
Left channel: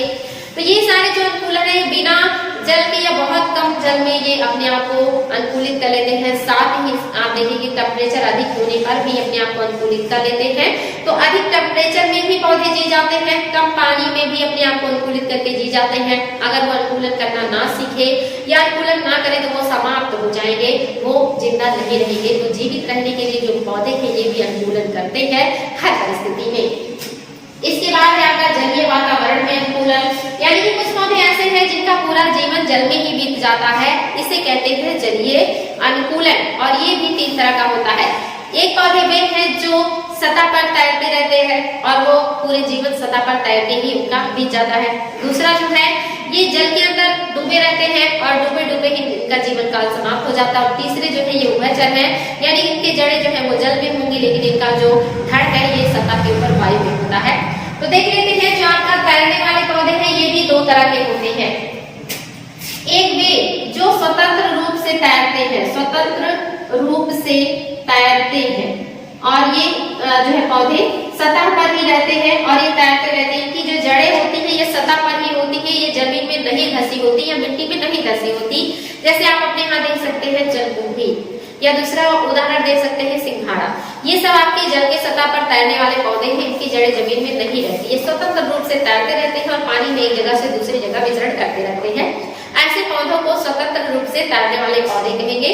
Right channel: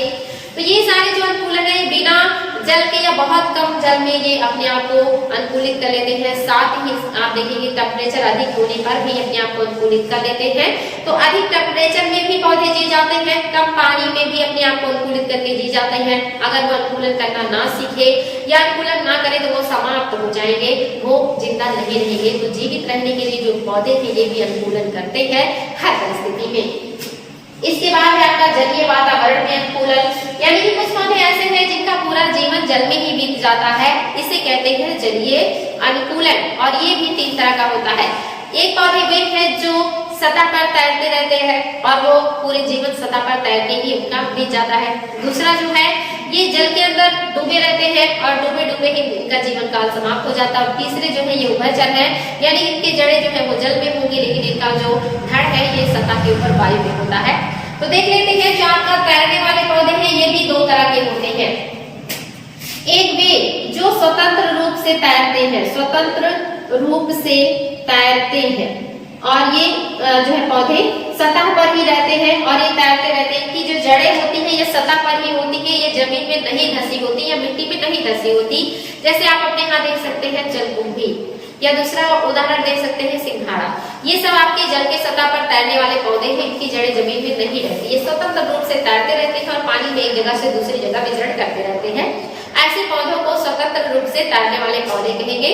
तो ये सारे जो अनुकूलन है बिना जल के या बहुत कम जल में ये अपने आप को अनुकूलित कर लेते हैं। साथ ही आप देखेंगे टेम्परेचर अधिक होने पर भी अपने आप को अनुकूलित कर लेते हैं। तो अधिक टेम्परेचर में भी पौधे जी जाते हैं, कम पानी में भी अपने आप को अनुकूलित करके जी जाते हैं। अगर वो अनुकूलन करना ना सीखे या अनुकूलन ना करे तो वो समाप्त हो जाएंगे, वो जिंदा नहीं रहेंगे। तो जीवित रहने के लिए जो पौधे हैं ये भी अनुकूलन करते हैं हर परिस्थिति में। इसके बाद है आपका जलीय वातावरण में अनुकूलन, यानी कि कुछ पौधे ऐसे हैं जिनका पूरा जीवन जल में ही बीत जाता है, इसे कहते हैं जलीय अनुकूलन। और ये भी 3 तरह का होता है। एक पौधे वे हैं जो सतह पर तैरते रहते हैं और वो पूरे जीवन सतह पर तैरते ही उनका बीत जाता है। दूसरा जो है ये जल के अंदर डूबे रहते हैं और डूबे डूबे ही इनका जीवन काल समाप्त हो जाता है। और तीसरे जो है ये उभयचर है, यानी इनके जड़ें जो है वो जल में होंगी लेकिन इनका जो धड़ है ये सतह के ऊपर वायु में होता है। तो देख लेते हैं जो आपका तैरने वाले पौधे हैं ये भी 2 तरह के होते हैं। एक वे जो स्वतंत्र रूप से तैरते हैं, स्वतंत्र रूप से तैरते हैं और ये जो है पौधे सतह पर ही रहते हैं और ये तैरते रहते हैं। इनकी जो जड़ें होती है ये सतह पर ही होती है, ये जमीन में नहीं धसी होती या मिट्टी में नहीं धसी होती। जैसे आप अपने यहाँ देख सकते हैं जलकुंभी, या दूसरा उदाहरण दे सकते हैं सिंघाड़ा। ये सब आपके जल के सतह पर तैरने वाले पौधे हैं, इनकी जड़ें जमीन में नहीं रहती, ये स्वतंत्र रूप से तैरते रहते हैं और पानी में एक जगह से दूसरी जगह विचरण करते रहते हैं। ऐसे पौधों को स्वतंत्र रूप से तैरने वाले पौधे कहेंगे।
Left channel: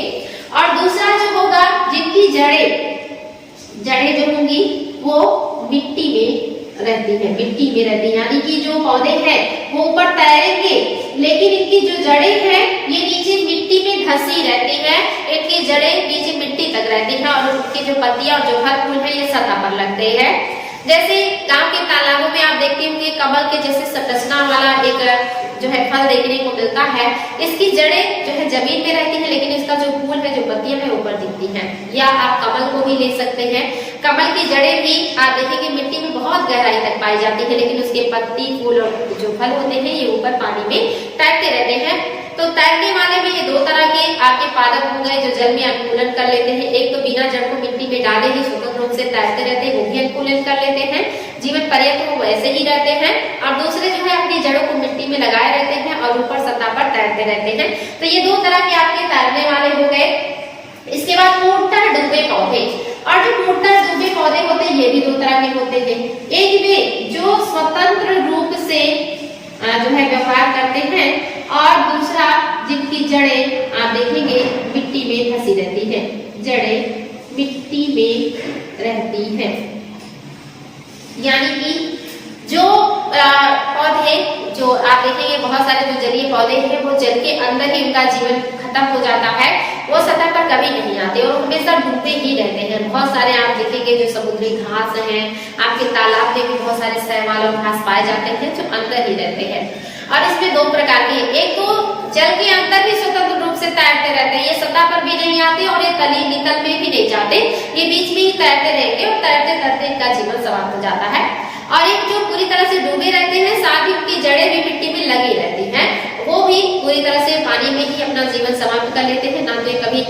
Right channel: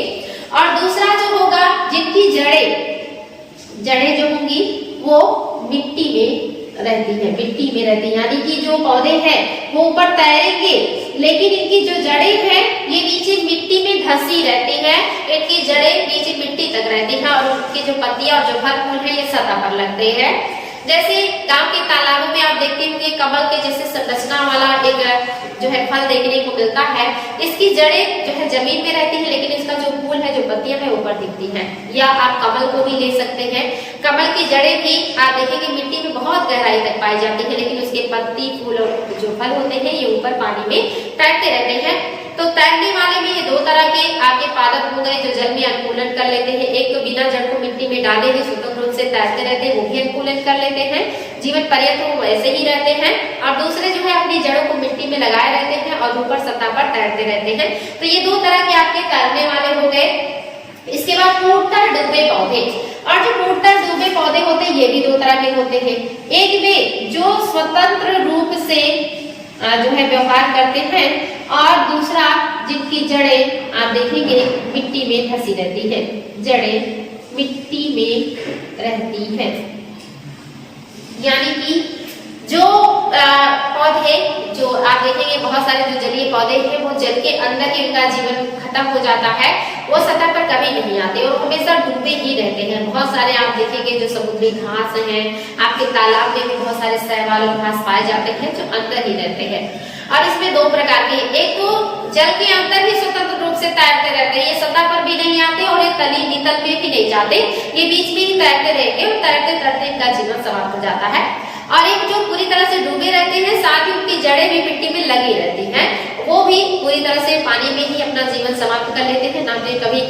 और दूसरा जो होगा जिनकी जड़ें जो होंगी वो मिट्टी में रहती है, मिट्टी में रहती है, यानी कि जो पौधे हैं वो ऊपर तैरेंगे लेकिन इनकी जो जड़ें हैं ये नीचे मिट्टी में धसी रहती है, इनकी जड़ें नीचे मिट्टी तक रहती है और उनकी जो पत्तियां और जो फल फूल है ये सतह पर लगते हैं। जैसे गांव के तालाबों में आप देखते होंगे कमल के जैसे संरचना वाला एक जो है फल देखने को मिलता है। इसकी जड़ें जो है जमीन में रहती है, लेकिन इसका जो फूल है, जो पत्तियां है, ऊपर दिखती हैं। या आप कमल को भी ले सकते हैं। कमल की जड़ें भी आप देखेंगे मिट्टी में बहुत गहराई तक पाई जाती है, लेकिन उसके पत्ती, फूल और जो फल होते हैं ये ऊपर पानी में तैरते रहते हैं। तो तैरने वाले में ये दो तरह के आपके पादप हो गए जो जल में अनुकूलन कर लेते हैं। एक तो बिना जड़ को मिट्टी में डाले ही स्वतंत्र रूप से तैरते रहते हैं, वो भी अनुकूलन कर लेते हैं, जीवन पर्यंत वो वैसे ही रहते हैं। और दूसरे जो है अपनी जड़ों को मिट्टी में लगाए रहते हैं और ऊपर सतह पर तैरते रहते हैं। तो ये दो तरह के आपके तैरने वाले हो गए। इसके बाद फूटकर डूबे पौधे, और जो फूटकर डूबे पौधे होते हैं ये भी दो तरह के होते हैं। एक वे जो स्वतंत्र रूप से जो है व्यवहार करते हैं, और दूसरा जिनकी जड़ें आप देखेंगे मिट्टी में धसी रहती है, जड़ें मिट्टी में रहती है। यानी कि जो पौधे जो आप देखेंगे बहुत सारे जो जलीय पौधे हैं वो जल के अंदर ही उनका जीवन खत्म हो जाता है, वो सतह पर कभी नहीं आते और हमेशा डूबे ही रहते हैं। बहुत सारे आप देखेंगे जो समुद्री घास हैं, आपके तालाब में भी बहुत सारे शैवाल और घास पाए जाते हैं जो अंदर ही रहते हैं। और इसमें दो प्रकार के, एक तो जल के अंदर ही स्वतंत्र रूप से तैरते रहते हैं, ये सतह पर भी नहीं आते और ये तली नितल में भी नहीं जाते, ये बीच में ही तैरते रहेंगे और तैरते तैरते इनका जीवन समाप्त हो जाता है। और एक जो पूरी तरह से डूबे रहते हैं, साथ ही उनकी जड़ें भी मिट्टी में लगी रहती हैं, वो भी पूरी तरह से पानी में ही अपना जीवन समाप्त कर लेते हैं, ना तो कभी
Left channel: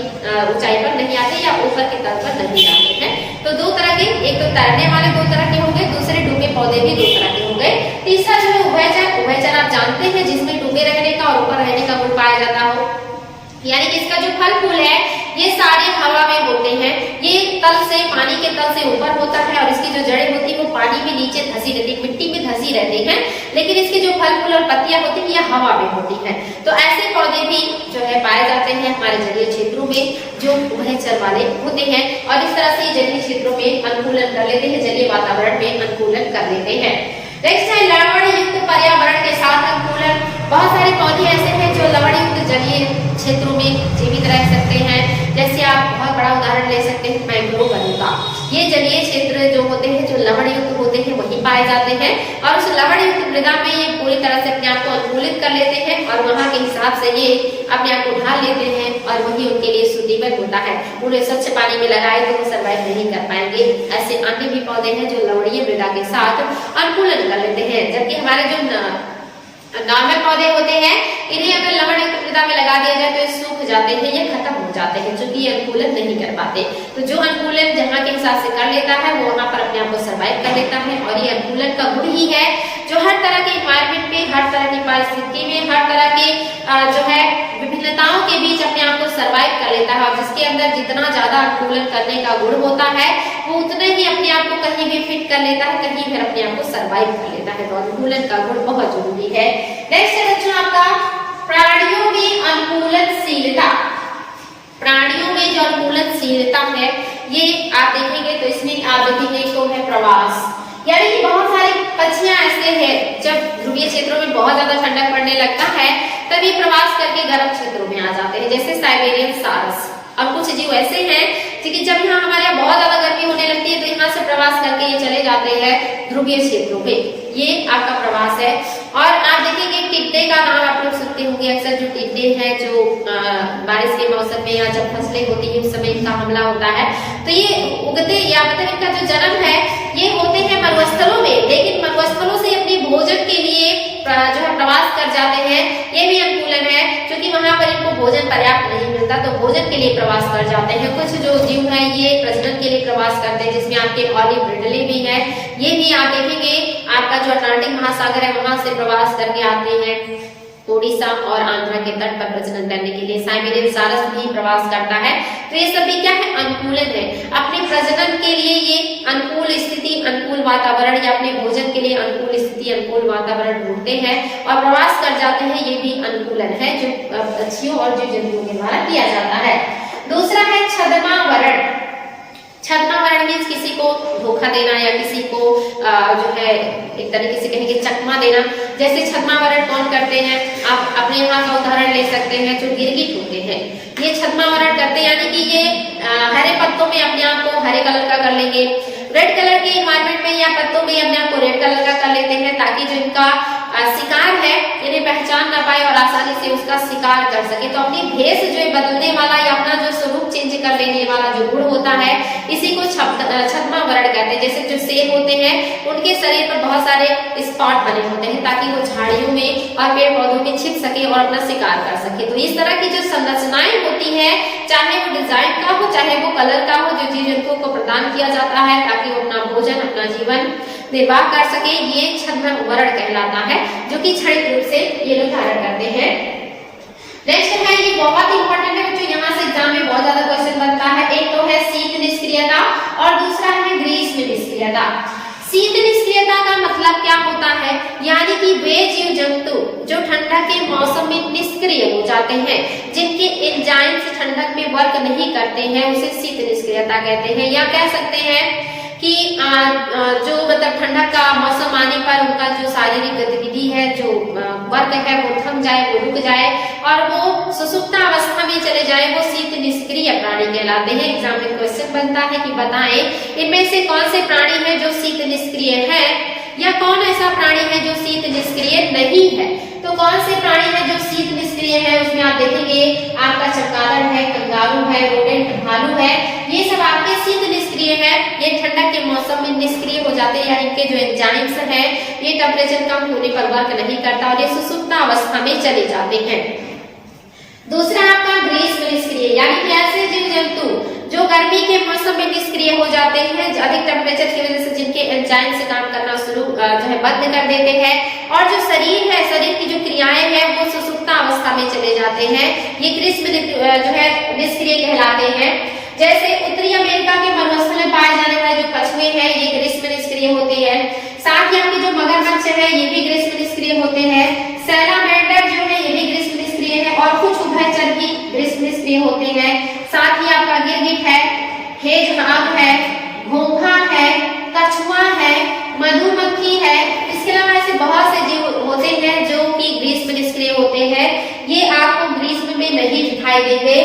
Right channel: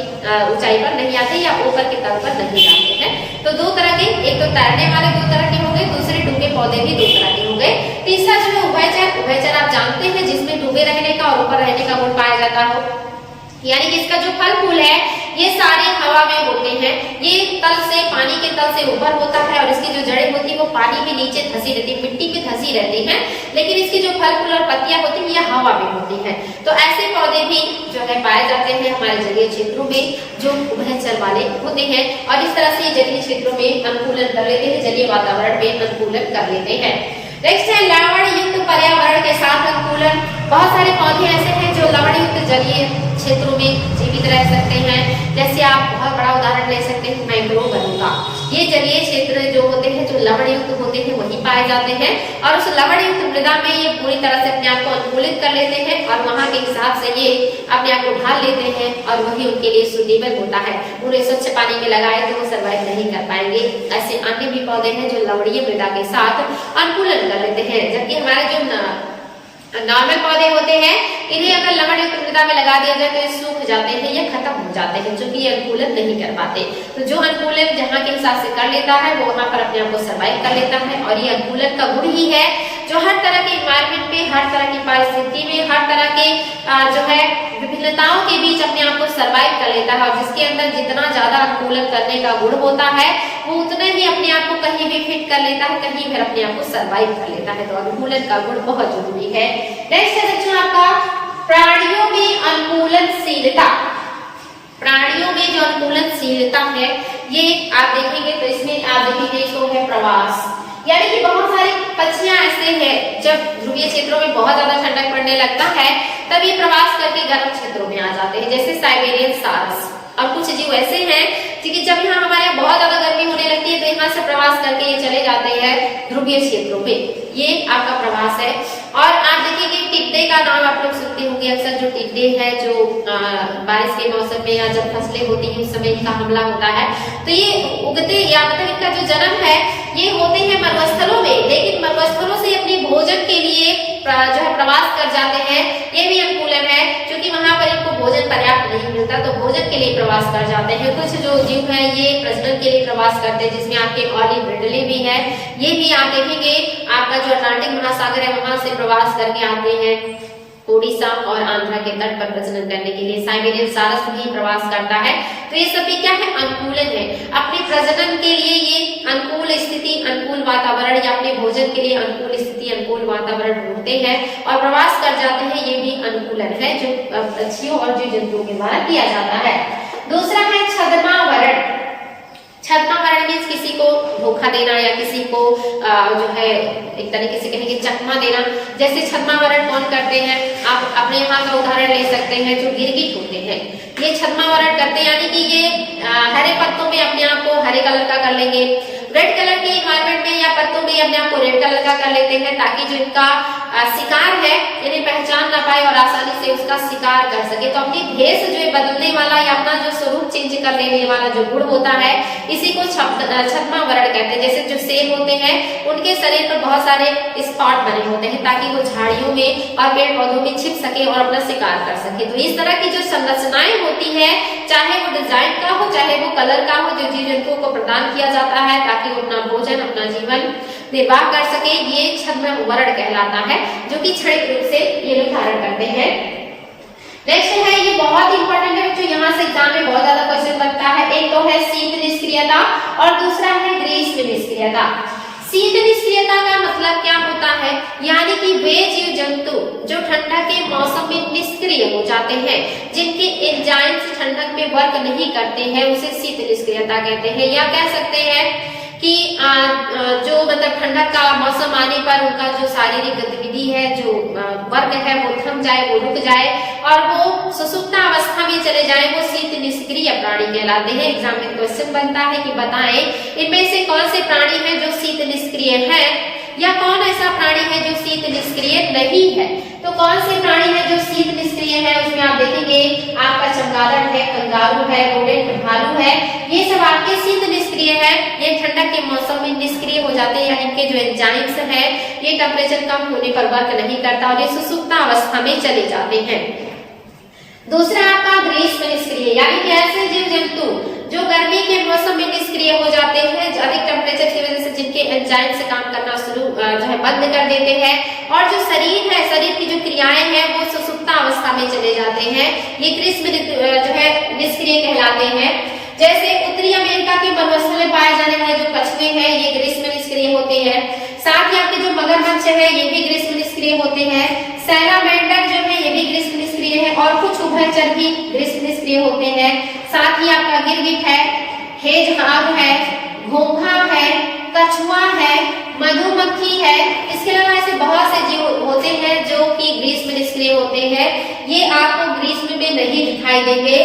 ऊंचाई पर नहीं आते या ऊपर के तल पर नहीं जाते हैं। तो दो तरह के, एक तो तैरने वाले दो तरह के हो गए, दूसरे डूबे पौधे भी दो तरह के हो गए। तीसरा जो है उभयचर, उभयचर आप जानते हैं जिसमें डूबे रहने का और ऊपर रहने का गुण पाया जाता हो, यानी कि इसका जो फल फूल है ये सारे हवा में होते हैं, ये तल से, पानी के तल से ऊपर होता है और इसकी जो जड़ें होती है वो पानी में नीचे धसी रहती है, मिट्टी में धसी रहती हैं, लेकिन इसके जो फल फूल और पत्तियां होती हैं ये हवा में होती हैं। तो ऐसे पौधे भी जो है पाए जाते हैं हमारे जलीय क्षेत्रों में जो उभयचर वाले होते हैं, और इस तरह से जलीय क्षेत्रों में अनुकूलन कर लेते हैं, जलीय वातावरण में अनुकूलन कर लेते हैं। नेक्स्ट है लवण युक्त पर्यावरण के साथ अनुकूलन। बहुत सारे पौधे ऐसे हैं जो लवण युक्त जलीय क्षेत्रों में जीवित रह सकते हैं। जैसे आप बहुत बड़ा उदाहरण ले सकते हैं मैंग्रोव वनों का। ये जलीय क्षेत्र जो होते हैं जो लवण युक्त होते हैं वही पाए जाते हैं, और उस लवण युक्त मृदा में ये पूरी तरह से अपने आप को अनुकूलित कर लेते हैं और वहां के हिसाब से ये अपने आप को ढाल लेते हैं और वही उनके लिए सुटेबल होता है। उन्हें स्वच्छ पानी में लगाए तो वो सर्वाइव नहीं कर पाएंगे। ऐसे अन्य भी पौधे हैं जो लवणीय मृदा के साथ अनुकूलन कर लेते हैं, जबकि हमारे जो नॉर्मल पौधे होते हैं इन्हें अगर लवण युक्त मृदा में लगा दिया जाए तो ये सूख जाते हैं या खत्म हो जाते हैं, क्योंकि ये अनुकूलन नहीं कर पाते। तो जो अनुकूलन जहाँ के हिसाब से कर लेता है वो वहां पर अपने आप को सर्वाइव कर लेता है, और ये अनुकूलन का गुण ही है जो हर तरह के इन्वायरमेंट में, हर तरह की परिस्थिति में, हर तरह के जो है विभिन्नताओं के बीच अपने आप को सर्वाइव कर लेता है। और जिसके अंदर जितना ज्यादा अनुकूलन करने का गुण होता है वो उतने ही अपने आप को कहीं भी फिट कर लेता है, कहीं फिर अपने आप को सर्वाइव कर लेता है। तो अनुकूलन का गुण बहुत जरूरी है। नेक्स्ट है बच्चों आपका प्राणियों में अनुकूलनशीलता। प्राणियों में जो अनुकूलनशीलता है ये आप देखेंगे तो इसमें आप देखेंगे तो है प्रवास, यानी कि बहुत सारे पक्षियां ऐसे हैं जब ध्रुवीय क्षेत्रों में बहुत ज्यादा ठंडक पड़ने लगता है तब ये प्रवास करके गर्म क्षेत्रों में आ जाते हैं, जैसे साइबेरियन सारस। और कुछ जीव ऐसे हैं कि जब यहाँ हमारे यहाँ बहुत ज्यादा गर्मी होने लगती है तो यहाँ से प्रवास करके ये चले जाते हैं ध्रुवीय क्षेत्रों में, ये आपका प्रवास है। और आप देखिए टिड्डे का नाम आप लोग सुनते होंगे अक्सर, जो टिड्डे हैं जो बारिश के मौसम में या जब फसलें होती है उस समय इनका हमला होता है, तो ये उगते या मतलब इनका जो जन्म है ये होते हैं मरुस्थलों में, लेकिन मरुस्थलों से अपनी भोजन के लिए जो है प्रवास कर जाते हैं। ये भी अनुकूलन है क्योंकि वहां पर इनको भोजन पर्याप्त नहीं मिलता तो भोजन के लिए प्रवास कर जाते हैं। कुछ जो जीव है ये प्रजनन के लिए प्रवास करते हैं, जिसमें आपके ऑलिव रिडले भी है, ये भी आप देखेंगे आपका जो अटलांटिक महासागर है वहां से प्रवास करके आते हैं ओडिशा और आंध्रा के तट पर प्रजनन करने के लिए। साइबेरियन सारस भी प्रवास करता है। तो ये सभी क्या है, अनुकूलन है। अपने प्रजनन के लिए ये अनुकूल स्थिति, अनुकूल वातावरण या अपने भोजन के लिए अनुकूल स्थिति, अनुकूल वातावरण ढूंढते हैं और प्रवास कर जाते हैं। ये भी अनुकूलन है जो पक्षियों और जीव जंतुओं के द्वारा किया जाता है। दूसरा है छद्मावरण। छद्मावरण मीन्स किसी को धोखा देना या किसी को जो है एक तरीके से कहेंगे चकमा देना। जैसे छद्मावरण कौन करते हैं, आप अपने यहाँ का उदाहरण ले सकते हैं जो गिरगिट होते हैं, ये छद्मावरण करते हैं, यानी कि ये हरे पत्तों में अपने आप को हरे कलर का कर लेंगे, रेड कलर के इन्वायरमेंट में या पत्तों में अपने आप को रेड कलर का कर लेते हैं ताकि जो इनका शिकार है इन्हें पहचान ना पाए और आसानी से उसका शिकार कर सके। तो अपनी भेष जो है बदलने वाला या अपना जो स्वरूप चेंज कर लेने वाला जो गुण होता है इसी को छद्मा वर्ण कहते हैं। जैसे जो शेर होते हैं उनके शरीर पर बहुत सारे स्पॉट बने होते हैं ताकि वो झाड़ियों में और पेड़ पौधों में छिप सके और अपना शिकार कर सके। तो इस तरह की जो संरचनाएं होती है, चाहे वो डिजाइन का हो चाहे वो कलर का हो, जो जीव जंतुओं को प्रदान किया जाता है ताकि वो अपना भोजन अपना जीवन निर्वाह कर सके, ये छद्म वर्ण कहलाता है, जो कि क्षणिक रूप से ये लोग धारण करते हैं। नेक्स्ट है, ये बहुत इंपॉर्टेंट है बच्चों, यहाँ से एग्जाम में बहुत ज्यादा क्वेश्चन बनता है। एक तो है शीत निष्क्रियता और दूसरा है ग्रीष्म निष्क्रियता। शीत निष्क्रियता का मतलब क्या होता है, यानी कि वे जीव जंतु जो ठंडक के मौसम में निष्क्रिय हो जाते हैं, जिनके एंजाइम्स ठंडक में वर्क नहीं करते हैं, उसे शीत निष्क्रियता कहते हैं। या कह सकते हैं कि जो मतलब ठंडक का मौसम आने पर उनका जो शारीरिक गतिविधि है, जो वर्क है वो थम जाए, वो रुक जाए और वो सुसुप्ता अवस्था में चले जाए, वो शीत निष्क्रिय प्राणी कहलाते हैं। एग्जाम में क्वेश्चन बनता है कि बताएं इनमें से कौन से प्राणी है जो शीत निष्क्रिय है या कौन ऐसा प्राणी है जो शीत निष्क्रिय नहीं है। तो कौन से प्राणी है जो शीत निष्क्रिय है, उसमें आप देखेंगे आपका चमगादड़ है, कंगारू है, रोडेंट भालू है, ये सब आपके शीत निष्क्रिय है। ये ठंडक के मौसम में निष्क्रिय हो जाते हैं, यानी इनके जो एंजाइम्स है ये टेम्परेचर कम होने पर वर्क नहीं करता और ये सुसुप्ता अवस्था में चले जाते हैं। दूसरा आपका ग्रीष्म निष्क्रिय, यानी कि ऐसे जीव जंतु जो गर्मी के मौसम में निष्क्रिय हो जाते हैं, अधिक टेम्परेचर की वजह से जिनके एंजाइम से काम करना शुरू जो है बंद कर देते हैं और जो शरीर है, शरीर की जो क्रियाएं हैं वो सुसुप्ता अवस्था में चले जाते हैं, ये ग्रीष्म जो है निष्क्रिय कहलाते हैं। जैसे उत्तरी अमेरिका के वनस्पति में पाए जाने वाले जो कछुए हैं ये ग्रीष्म निष्क्रिय होते हैं। साथ ही आपके जो मगरमच्छ है ये भी ग्रीष्म निष्क्रिय होते हैं। सैलामेंडर जो है ये भी ग्रीष्म निष्क्रिय है और कुछ उभयचर भी ग्रीष्म निष्क्रिय होते हैं। साथ ही आपका गिरगिट है, हेजहॉग है, घोंघा है, कछुआ है, मधुमक्खी है। इसके अलावा ऐसे बहुत से जीव होते हैं जो कि ग्रीष्म निष्क्रिय होते हैं, ये आपको ग्रीष्म में नहीं दिखाई देंगे।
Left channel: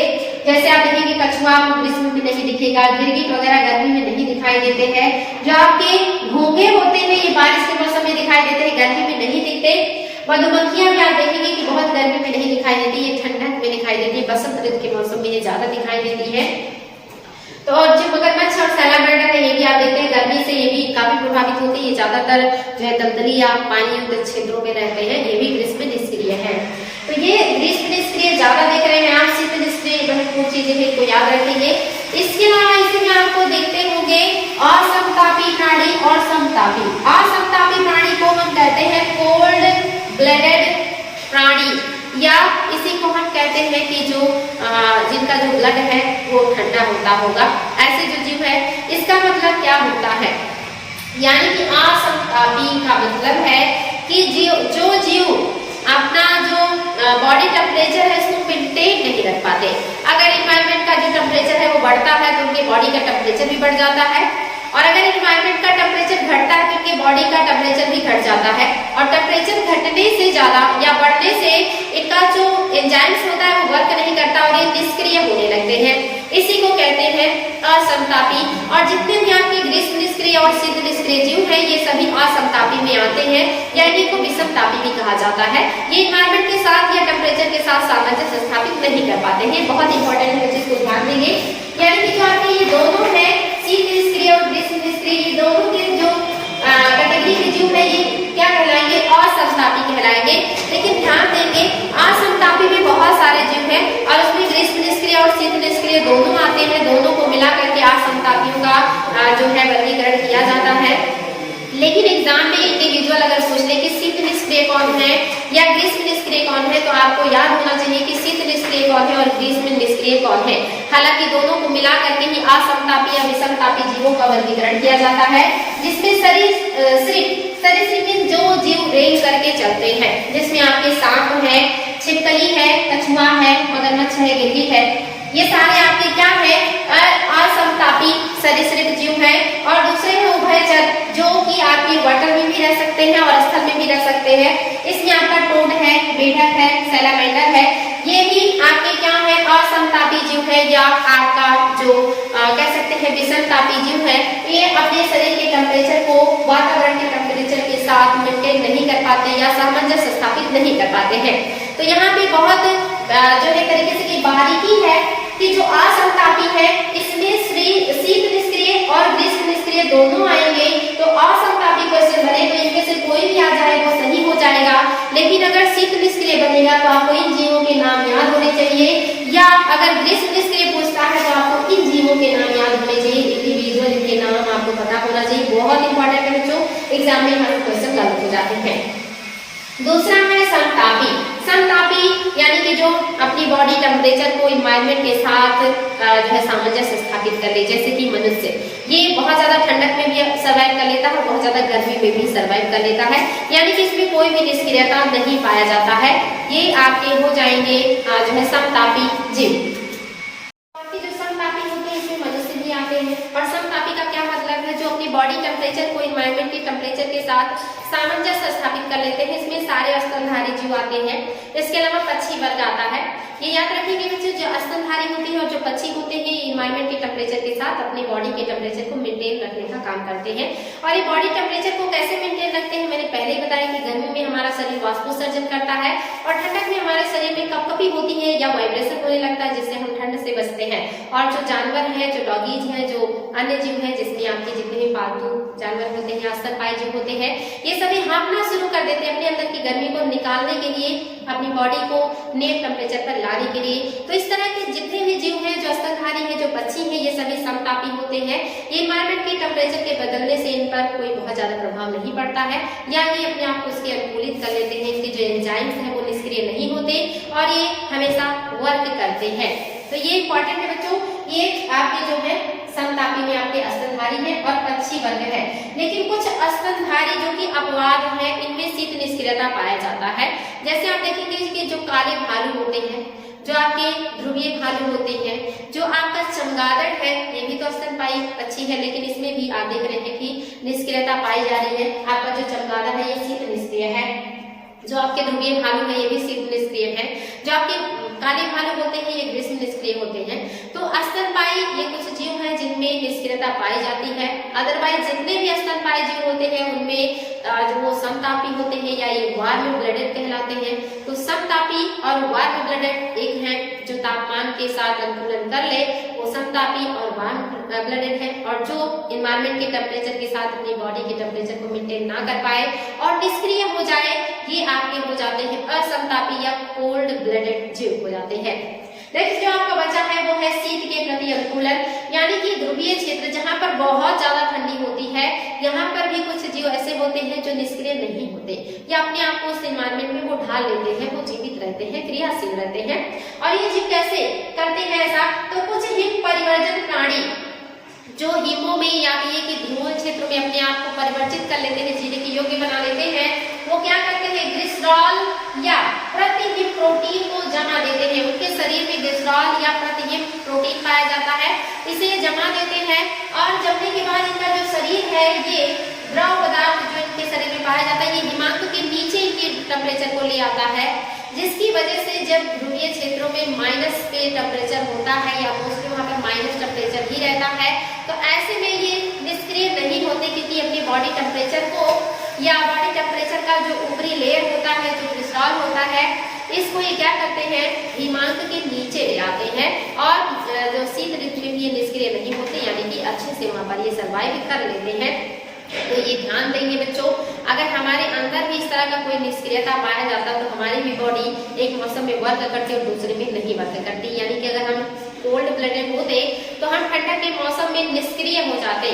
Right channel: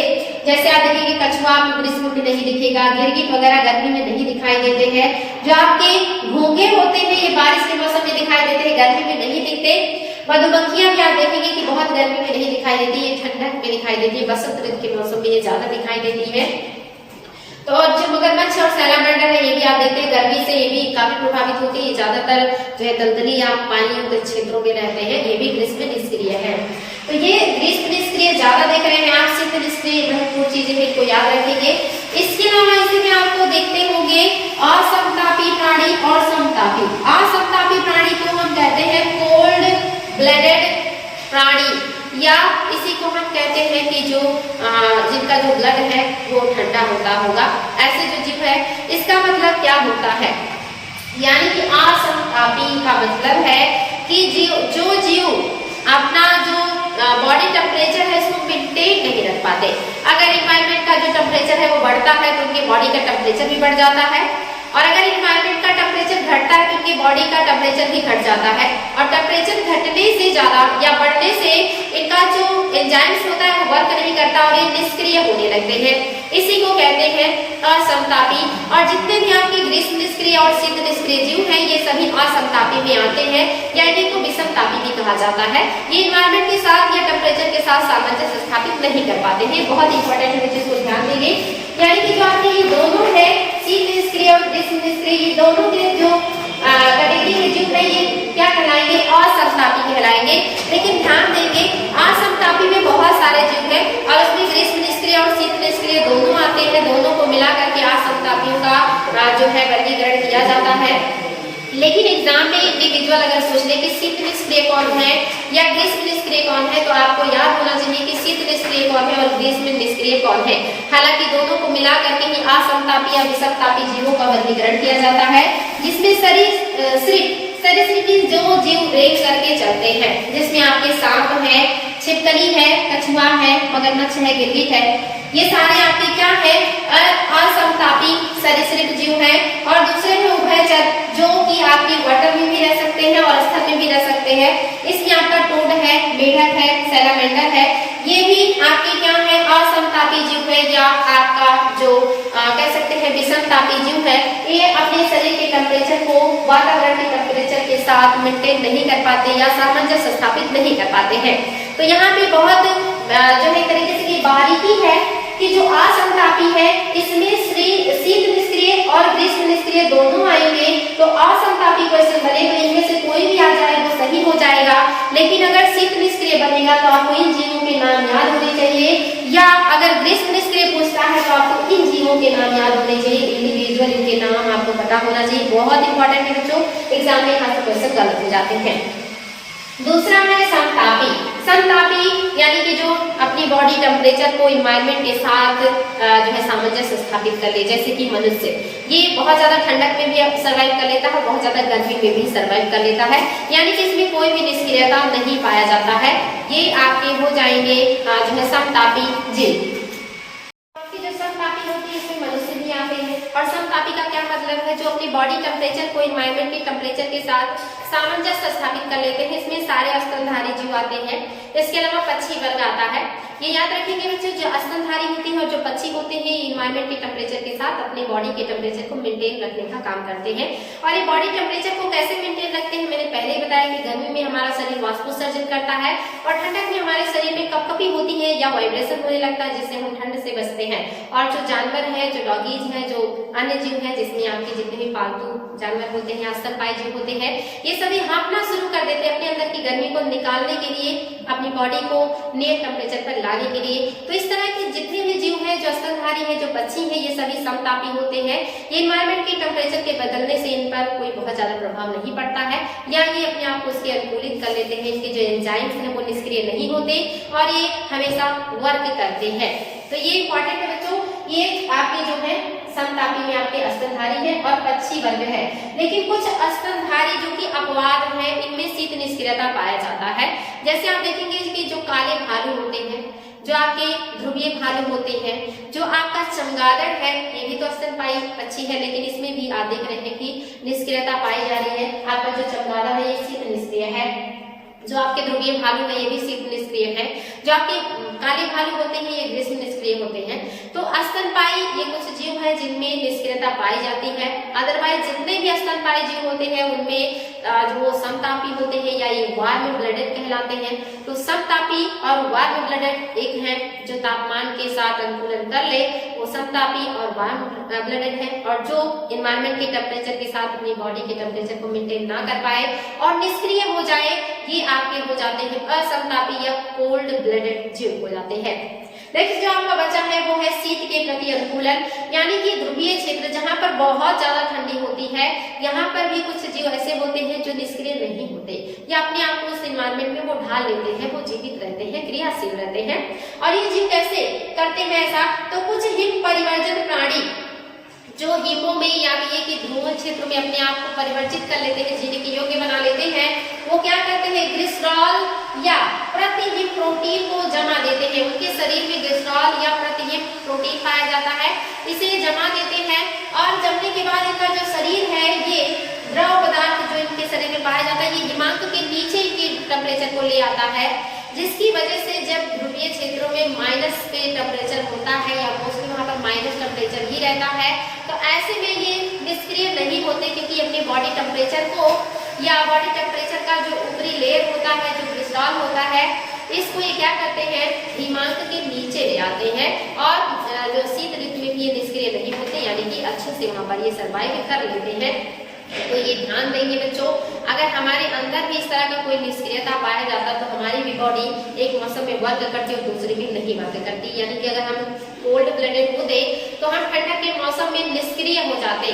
जैसे आप देखेंगे कछुआ आपको ग्रीष्म में नहीं दिखेगा, गिरगिट वगैरह गर्मी में नहीं दिखाई देते हैं। जो आपके घोंघे होते हैं ये बारिश के मौसम में दिखाई देते हैं, गर्मी में नहीं दिखते। मधुमक्खियां भी आप देखेंगे कि बहुत गर्मी में नहीं दिखाई देती, ये ठंडक में दिखाई देती है, बसंत ऋतु के मौसम में ये ज्यादा दिखाई देती है। तो जो मगरमच्छ और सैलामेंडर है ये भी आप देखते हैं गर्मी से ये भी काफी प्रभावित होती है, ये ज्यादातर जो है दलदली या पानी युक्त क्षेत्रों में रहते हैं, ये भी ग्रीष्म निष्क्रिय है। तो ये ग्रीष्म निष्क्रिय ज्यादा देख रहे हैं आप, शीत निष्क्रिय महत्वपूर्ण चीजें हैं, इनको याद रखेंगे। इसके अलावा इसी में आपको देखते होंगे असमतापी प्राणी और समतापी। असमतापी प्राणी को हम कहते हैं कोल्ड ब्लडेड प्राणी, या इसी को हम कहते हैं कि जो जिनका जो ब्लड है वो ठंडा होता होगा, ऐसे जो जीव है। इसका मतलब क्या होता है, यानी कि असमतापी का मतलब है कि जो जीव अपना जो बॉडी टेम्परेचर है इसको मेंटेन नहीं रख पाते। अगर एनवायरनमेंट का जो टेम्परेचर है वो बढ़ता है तो उनके बॉडी का टेम्परेचर भी बढ़ जाता है, और अगर एनवायरनमेंट का टेम्परेचर घटता है तो इनके बॉडी का टेम्परेचर भी घट जाता है। और टेम्परेचर घटने से ज्यादा या बढ़ने से इनका जो एंजाइम्स होता है वो वर्क नहीं करता और ये निष्क्रिय होने लगते हैं, इसी को कहते हैं असमतापी। और जितने भी आपके ग्रीष्म निष्क्रिय और शीत निष्क्रिय जीव हैं ये सभी असमतापी में आते हैं, या इनको विषमतापी भी कहा जाता है। ये एनवायरनमेंट के साथ या टेम्परेचर के साथ सामंजस्य स्थापित नहीं कर पाते हैं, बहुत इंपॉर्टेंट है, इसको ध्यान देंगे। यानी कि जो आपके ये दोनों है शीत निष्क्रिय और ग्रीष्म निष्क्रिय, ये दोनों के जो कैटेगरी के जीव है ये क्या कहलाएंगे, असमतापी कहलाएंगे। लेकिन ध्यान देंगे असमतापी में बहुत सारे जीव हैं और उसमें ग्रीष्म निष्क्रिय और शीत निष्क्रिय दोनों आते हैं, दोनों को मिला करके असमतापियों का जो है वर्गीकरण किया जाता है। लेकिन एग्जाम में इंडिविजुअल अगर पूछ ले कि शीत निष्क्रिय कौन है या ग्रीष्म निष्क्रिय कौन है, तो आपको याद होना चाहिए कि शीत निष्क्रिय कौन है और ग्रीष्म निष्क्रिय कौन है। हालांकि दोनों को मिला करके ही असमतापी या विषमतापी जीवों का वर्गीकरण किया जाता है, जिसमें सरीसृप जो जीव रेंग करके चलते हैं, जिसमें आपके सांप है, छिपकली है, कछुआ है, मगरमच्छ है, गिरगिट है, ये सारे आपके क्या है असमतापी सरीसृप जीव है। और दूसरे में उभयचर जो कि आपके वाटर में भी रह सकते हैं और स्थल में भी रह सकते हैं। इसमें आपका टोड है, मेढक है, सैलामेंडर है, ये भी लेकिन आपके क्या है, असमतापी जीव है या आपका जो कह सकते हैं विषमतापी जीव है, ये अपने शरीर के टेम्परेचर को वातावरण के टेम्परेचर के साथ मेंटेन नहीं कर पाते या सामंजस्य स्थापित नहीं कर पाते हैं। तो यहाँ पे बहुत जो है तरीके से बारीकी है कि जो असमतापी है इसमें शीत निष्क्रिय और ग्रीष्म निष्क्रिय दोनों आएंगे। तो असमतापी क्वेश्चन बने तो इनमें से कोई भी आ जाए तो सही हो जाएगा, लेकिन अगर शीत निष्क्रिय बनेगा तो आपको इन जीवों के नाम याद होने चाहिए, या अगर ग्रीष्म निष्क्रिय पूछता है तो आपको इन जीवों के नाम याद होने चाहिए, इंडिविजुअल इनके नाम आपको पता होना चाहिए। बहुत इंपॉर्टेंट है बच्चों, एग्जाम में यहाँ से क्वेश्चन गलत हो जाते हैं। दूसरा है समतापी। समतापी यानी कि जो अपनी बॉडी टेम्परेचर को इन्वायरमेंट के साथ जो है सामंजस्य स्थापित कर ले, जैसे कि मनुष्य, ये बहुत ज्यादा ठंडक में भी सर्वाइव कर लेता है, बहुत ज्यादा गर्मी में भी सर्वाइव कर लेता है, यानी कि इसमें कोई भी निष्क्रियता नहीं पाया जाता है। ये आपके हो जाएंगे जो है समतापी जीव। आपकी जो समतापी होती है इसमें मनुष्य भी आते हैं। और समतापी का क्या मतलब है, जो अपनी बॉडी टेम्परेचर को इन्वायरमेंट के टेम्परेचर के साथ सामंजस्य स्थापित कर लेते हैं, इसमें सारे स्तनधारी जीव आते हैं। इसके अलावा पक्षी वर्ग आता है। ये याद रखेंगे बच्चों, जो स्तनधारी होते हैं और जो पक्षी होते हैं, ये इन्वायरमेंट के टेम्परेचर के साथ अपनी बॉडी के टेम्परेचर को मेंटेन रखने का काम करते हैं। और ये बॉडी टेम्परेचर को कैसे मेंटेन रखते हैं, मैंने पहले ही बताया कि गर्मी में हमारा शरीर वाष्पोत्सर्जन करता है और ठंडक में हमारे शरीर में कपकपी होती है या वाइब्रेशन होने लगता है, जिससे हम ठंड से बचते हैं। और जो जानवर है, जो डॉगीज है, जो अन्य जीव है, जिसमें आपके जितने भी पालतू जानवर होते हैं, स्तनपायी जीव होते हैं, ये सभी हाँफना शुरू कर देते हैं अपने अंदर की गर्मी को निकालने के लिए, अपनी बॉडी को नेट टेम्परेचर पर लाने के लिए। तो इस तरह के जितने भी जीव हैं, जो स्तनधारी है, जो पक्षी है, ये सभी समतापी होते हैं। ये इन्वायरमेंट के टेम्परेचर के बदलने से इन पर कोई बहुत ज्यादा प्रभाव नहीं पड़ता है, या ये अपने आप को उसके अनुकूलित कर लेते हैं। इनके जो एंजाइम्स हैं वो निष्क्रिय नहीं होते और ये हमेशा वर्क करते हैं। तो ये इंपॉर्टेंट है बच्चों, ये आपके जो है समतापी में आपके स्तनधारी है और पक्षी वर्ग है। लेकिन कुछ स्तनधारी जो कि अपवाद है, इनमें शीत निष्क्रियता पाया जाता है। जैसे आप देखेंगे कि जो काले भालू होते हैं, जो आपके ध्रुवीय भालू होते हैं, जो आपका चमगादड़ है, ये भी तो स्तनपायी पक्षी है, लेकिन इसमें भी आप देख रहे हैं कि निष्क्रियता पाई जा रही है। आपका जो चमगादड़ है ये शीत निष्क्रिय है, जो आपके ध्रुवीय भालू है ये भी शीत निष्क्रिय है, जो आपके काले भालू होते हैं ये ग्रीष्म निष्क्रिय होते हैं। तो स्तनपायी ये कुछ जीव हैं जिनमें निष्क्रियता पाई जाती है। अदरवाइज जितने भी स्तनपायी जीव होते हैं उनमें जो वो समतापी होते हैं या ये वार्म ब्लडेड कहलाते हैं। तो समतापी और वार्म ब्लडेड एक हैं, जो तापमान के साथ अनुकूलन कर ले वो समतापी और वार्म ब्लडेड है, और जो इन्वायरमेंट के टेम्परेचर के साथ अपनी बॉडी के टेम्परेचर को मेंटेन ना कर पाए और निष्क्रिय हो जाए, ये आपके हो जाते हैं असमतापी या कोल्ड ब्लडेड जीव हो जाते हैं। नेक्स्ट जो आपका बच्चा है वो है शीत के प्रति अनुकूलन, यानी कि ध्रुवीय क्षेत्र जहां पर बहुत ज्यादा ठंडी होती है, यहाँ पर भी कुछ जीव ऐसे होते हैं जो निष्क्रिय नहीं होते या अपने आप को उस एनवायरमेंट में वो ढाल लेते हैं, वो जीवित रहते हैं, क्रियाशील रहते हैं। और ये जीव कैसे करते हैं ऐसा, तो कुछ हिम परिवर्जन प्राणी जो हिमों में या ये कि ध्रुव क्षेत्र में अपने आप को परिवर्तित कर लेते हैं, जीने के योग्य बना लेते हैं, वो क्या करते हैं, ग्लिसरॉल या प्रतिहिम प्रोटीन को जमा देते हैं। उनके शरीर में ग्लिसरॉल या प्रतिहिम प्रोटीन पाया जाता है, इसे जमा देते हैं और जमने के बाद इनका जो शरीर है ये द्रव पदार्थ जो इनके शरीर में पाया जाता है ये हिमांक के नीचे इनके टेम्परेचर को ले आता है, जिसकी वजह से जब ध्रुवीय क्षेत्रों में माइनस पे टेम्परेचर होता है या मोस्टली वहां पर माइनस टेम्परेचर ही रहता है, तो ऐसे में ये निष्क्रिय नहीं होते, क्योंकि अपने बॉडी टेम्परेचर को या बॉडी टेम्परेचर का जो ऊपरी लेयर होता है, जो ग्लिसरॉल होता है, इसको ये क्या करते हैं, हिमांक के नीचे ले आते हैं और जो शीत ऋतु में भी ये निष्क्रिय नहीं होते, यानी कि अच्छे से वहां पर ये सर्वाइव कर लेते हैं। तो ये ध्यान देंगे बच्चों, अगर हमारे अंदर भी इस तरह का कोई निष्क्रियता पाया जाता तो हमारी भी बॉडी एक मौसम में वर्क करती और दूसरे में नहीं वर्क करती, यानी कि अगर हम कोल्ड ब्लडेड होते तो हम ठंडक के मौसम में निष्क्रिय हो जाते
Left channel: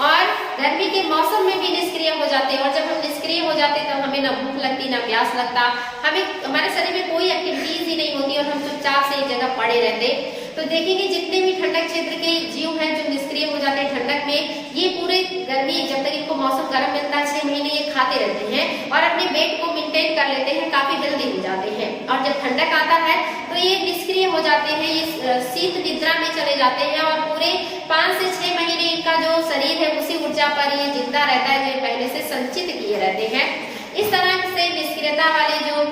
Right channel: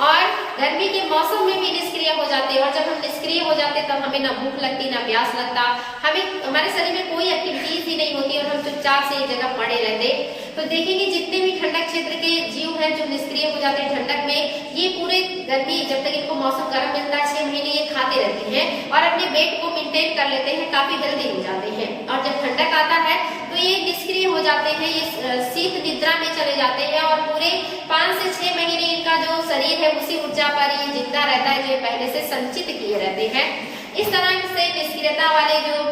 और गर्मी के मौसम में भी निष्क्रिय हो जाते, और जब हम निष्क्रिय हो जाते तो हमें ना भूख लगती ना प्यास लगता, हमें हमारे शरीर में कोई एक्टिविटीज ही नहीं होती और हम चुपचाप से एक जगह पड़े रहते। तो देखेंगे जितने भी ठंडक क्षेत्र के जीव हैं जो निष्क्रिय हो जाते हैं ठंडक में, ये पूरे गर्मी जब तक इनको मौसम गर्म मिलता है 6 महीने ये खाते रहते हैं और अपने वेट को मेंटेन कर लेते हैं, काफी हेल्दी हो जाते हैं। और जब ठंडक आता है तो ये निष्क्रिय हो जाते हैं, ये शीत निद्रा में चले जाते हैं और पूरे 5 से 6 महीने इनका जो शरीर है उसी ऊर्जा पर ये जिंदा रहता है जो पहले से संचित किए रहते हैं। इस तरह से निष्क्रियता वाले जो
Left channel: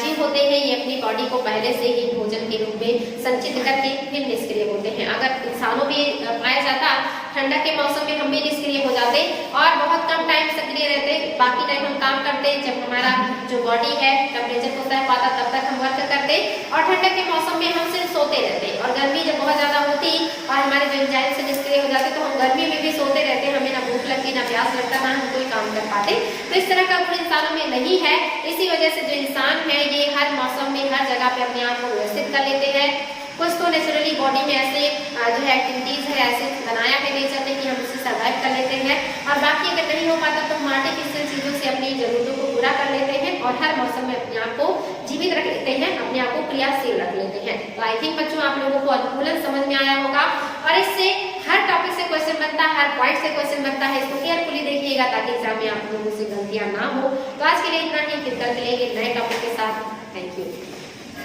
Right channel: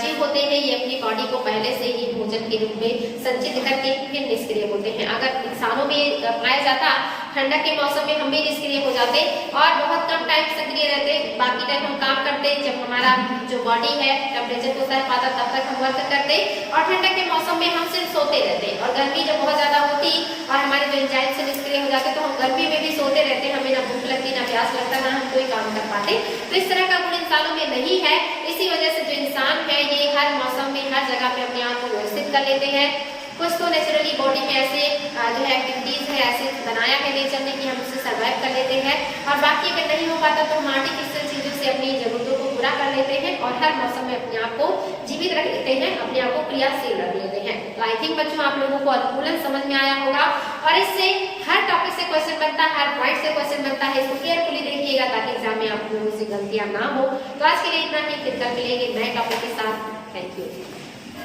जीव होते हैं ये अपनी बॉडी को पहले से ही भोजन के रूप में संचित करके फिर निष्क्रिय होते हैं। अगर इंसानों में पाया जाता, ठंडक के मौसम में हम भी निष्क्रिय हो जाते और बहुत कम टाइम सक्रिय रहते, बाकी टाइम हम काम करते, जब हमारा जो बॉडी है टेम्परेचर को सह पाता तब तक हम वर्क करते, और ठंडक के मौसम में हम सिर्फ सोते रहते, और गर्मी जब बहुत ज्यादा होती और हमारे जो एंजाइम से निष्क्रिय हो जाते तो हम गर्मी में भी सोते रहते, हमें ना भूख लगती ना प्यास लगता, ना हम कोई काम कर पाते। तो इस तरह का गुण इंसानों में नहीं है। इसी वजह से जो इंसान है ये हर मौसम में हर जगह पे अपने आप को व्यवस्थित कर लेते हैं। कुछ तो नेचुरली बॉडी में ऐसे जो है एक्टिविटीज है, ऐसे बनाया है नेचर ने कि हम उससे सर्वाइव कर लेते हैं, और बाकी अगर नहीं हो पाता तो हम आर्टिफिशियल चीजों से अपनी जरूरतों को पूरा कर लेते हैं और हर मौसम में अपने आप को जीवित रख लेते हैं, अपने आप को क्रियाशील रख लेते हैं। तो आई थिंक बच्चों आप लोगों को अनुकूलन समझ में आया होगा, और इससे हर टॉपिक से क्वेश्चन बनता है, हर पॉइंट से क्वेश्चन बनता है। इसको केयरफुली देखिएगा ताकि एग्जाम में आप लोगों से गलतियां ना हो। तो आज के लिए इतना ही, फिर कल मिलेंगे नए टॉपिक के साथ। Thank you.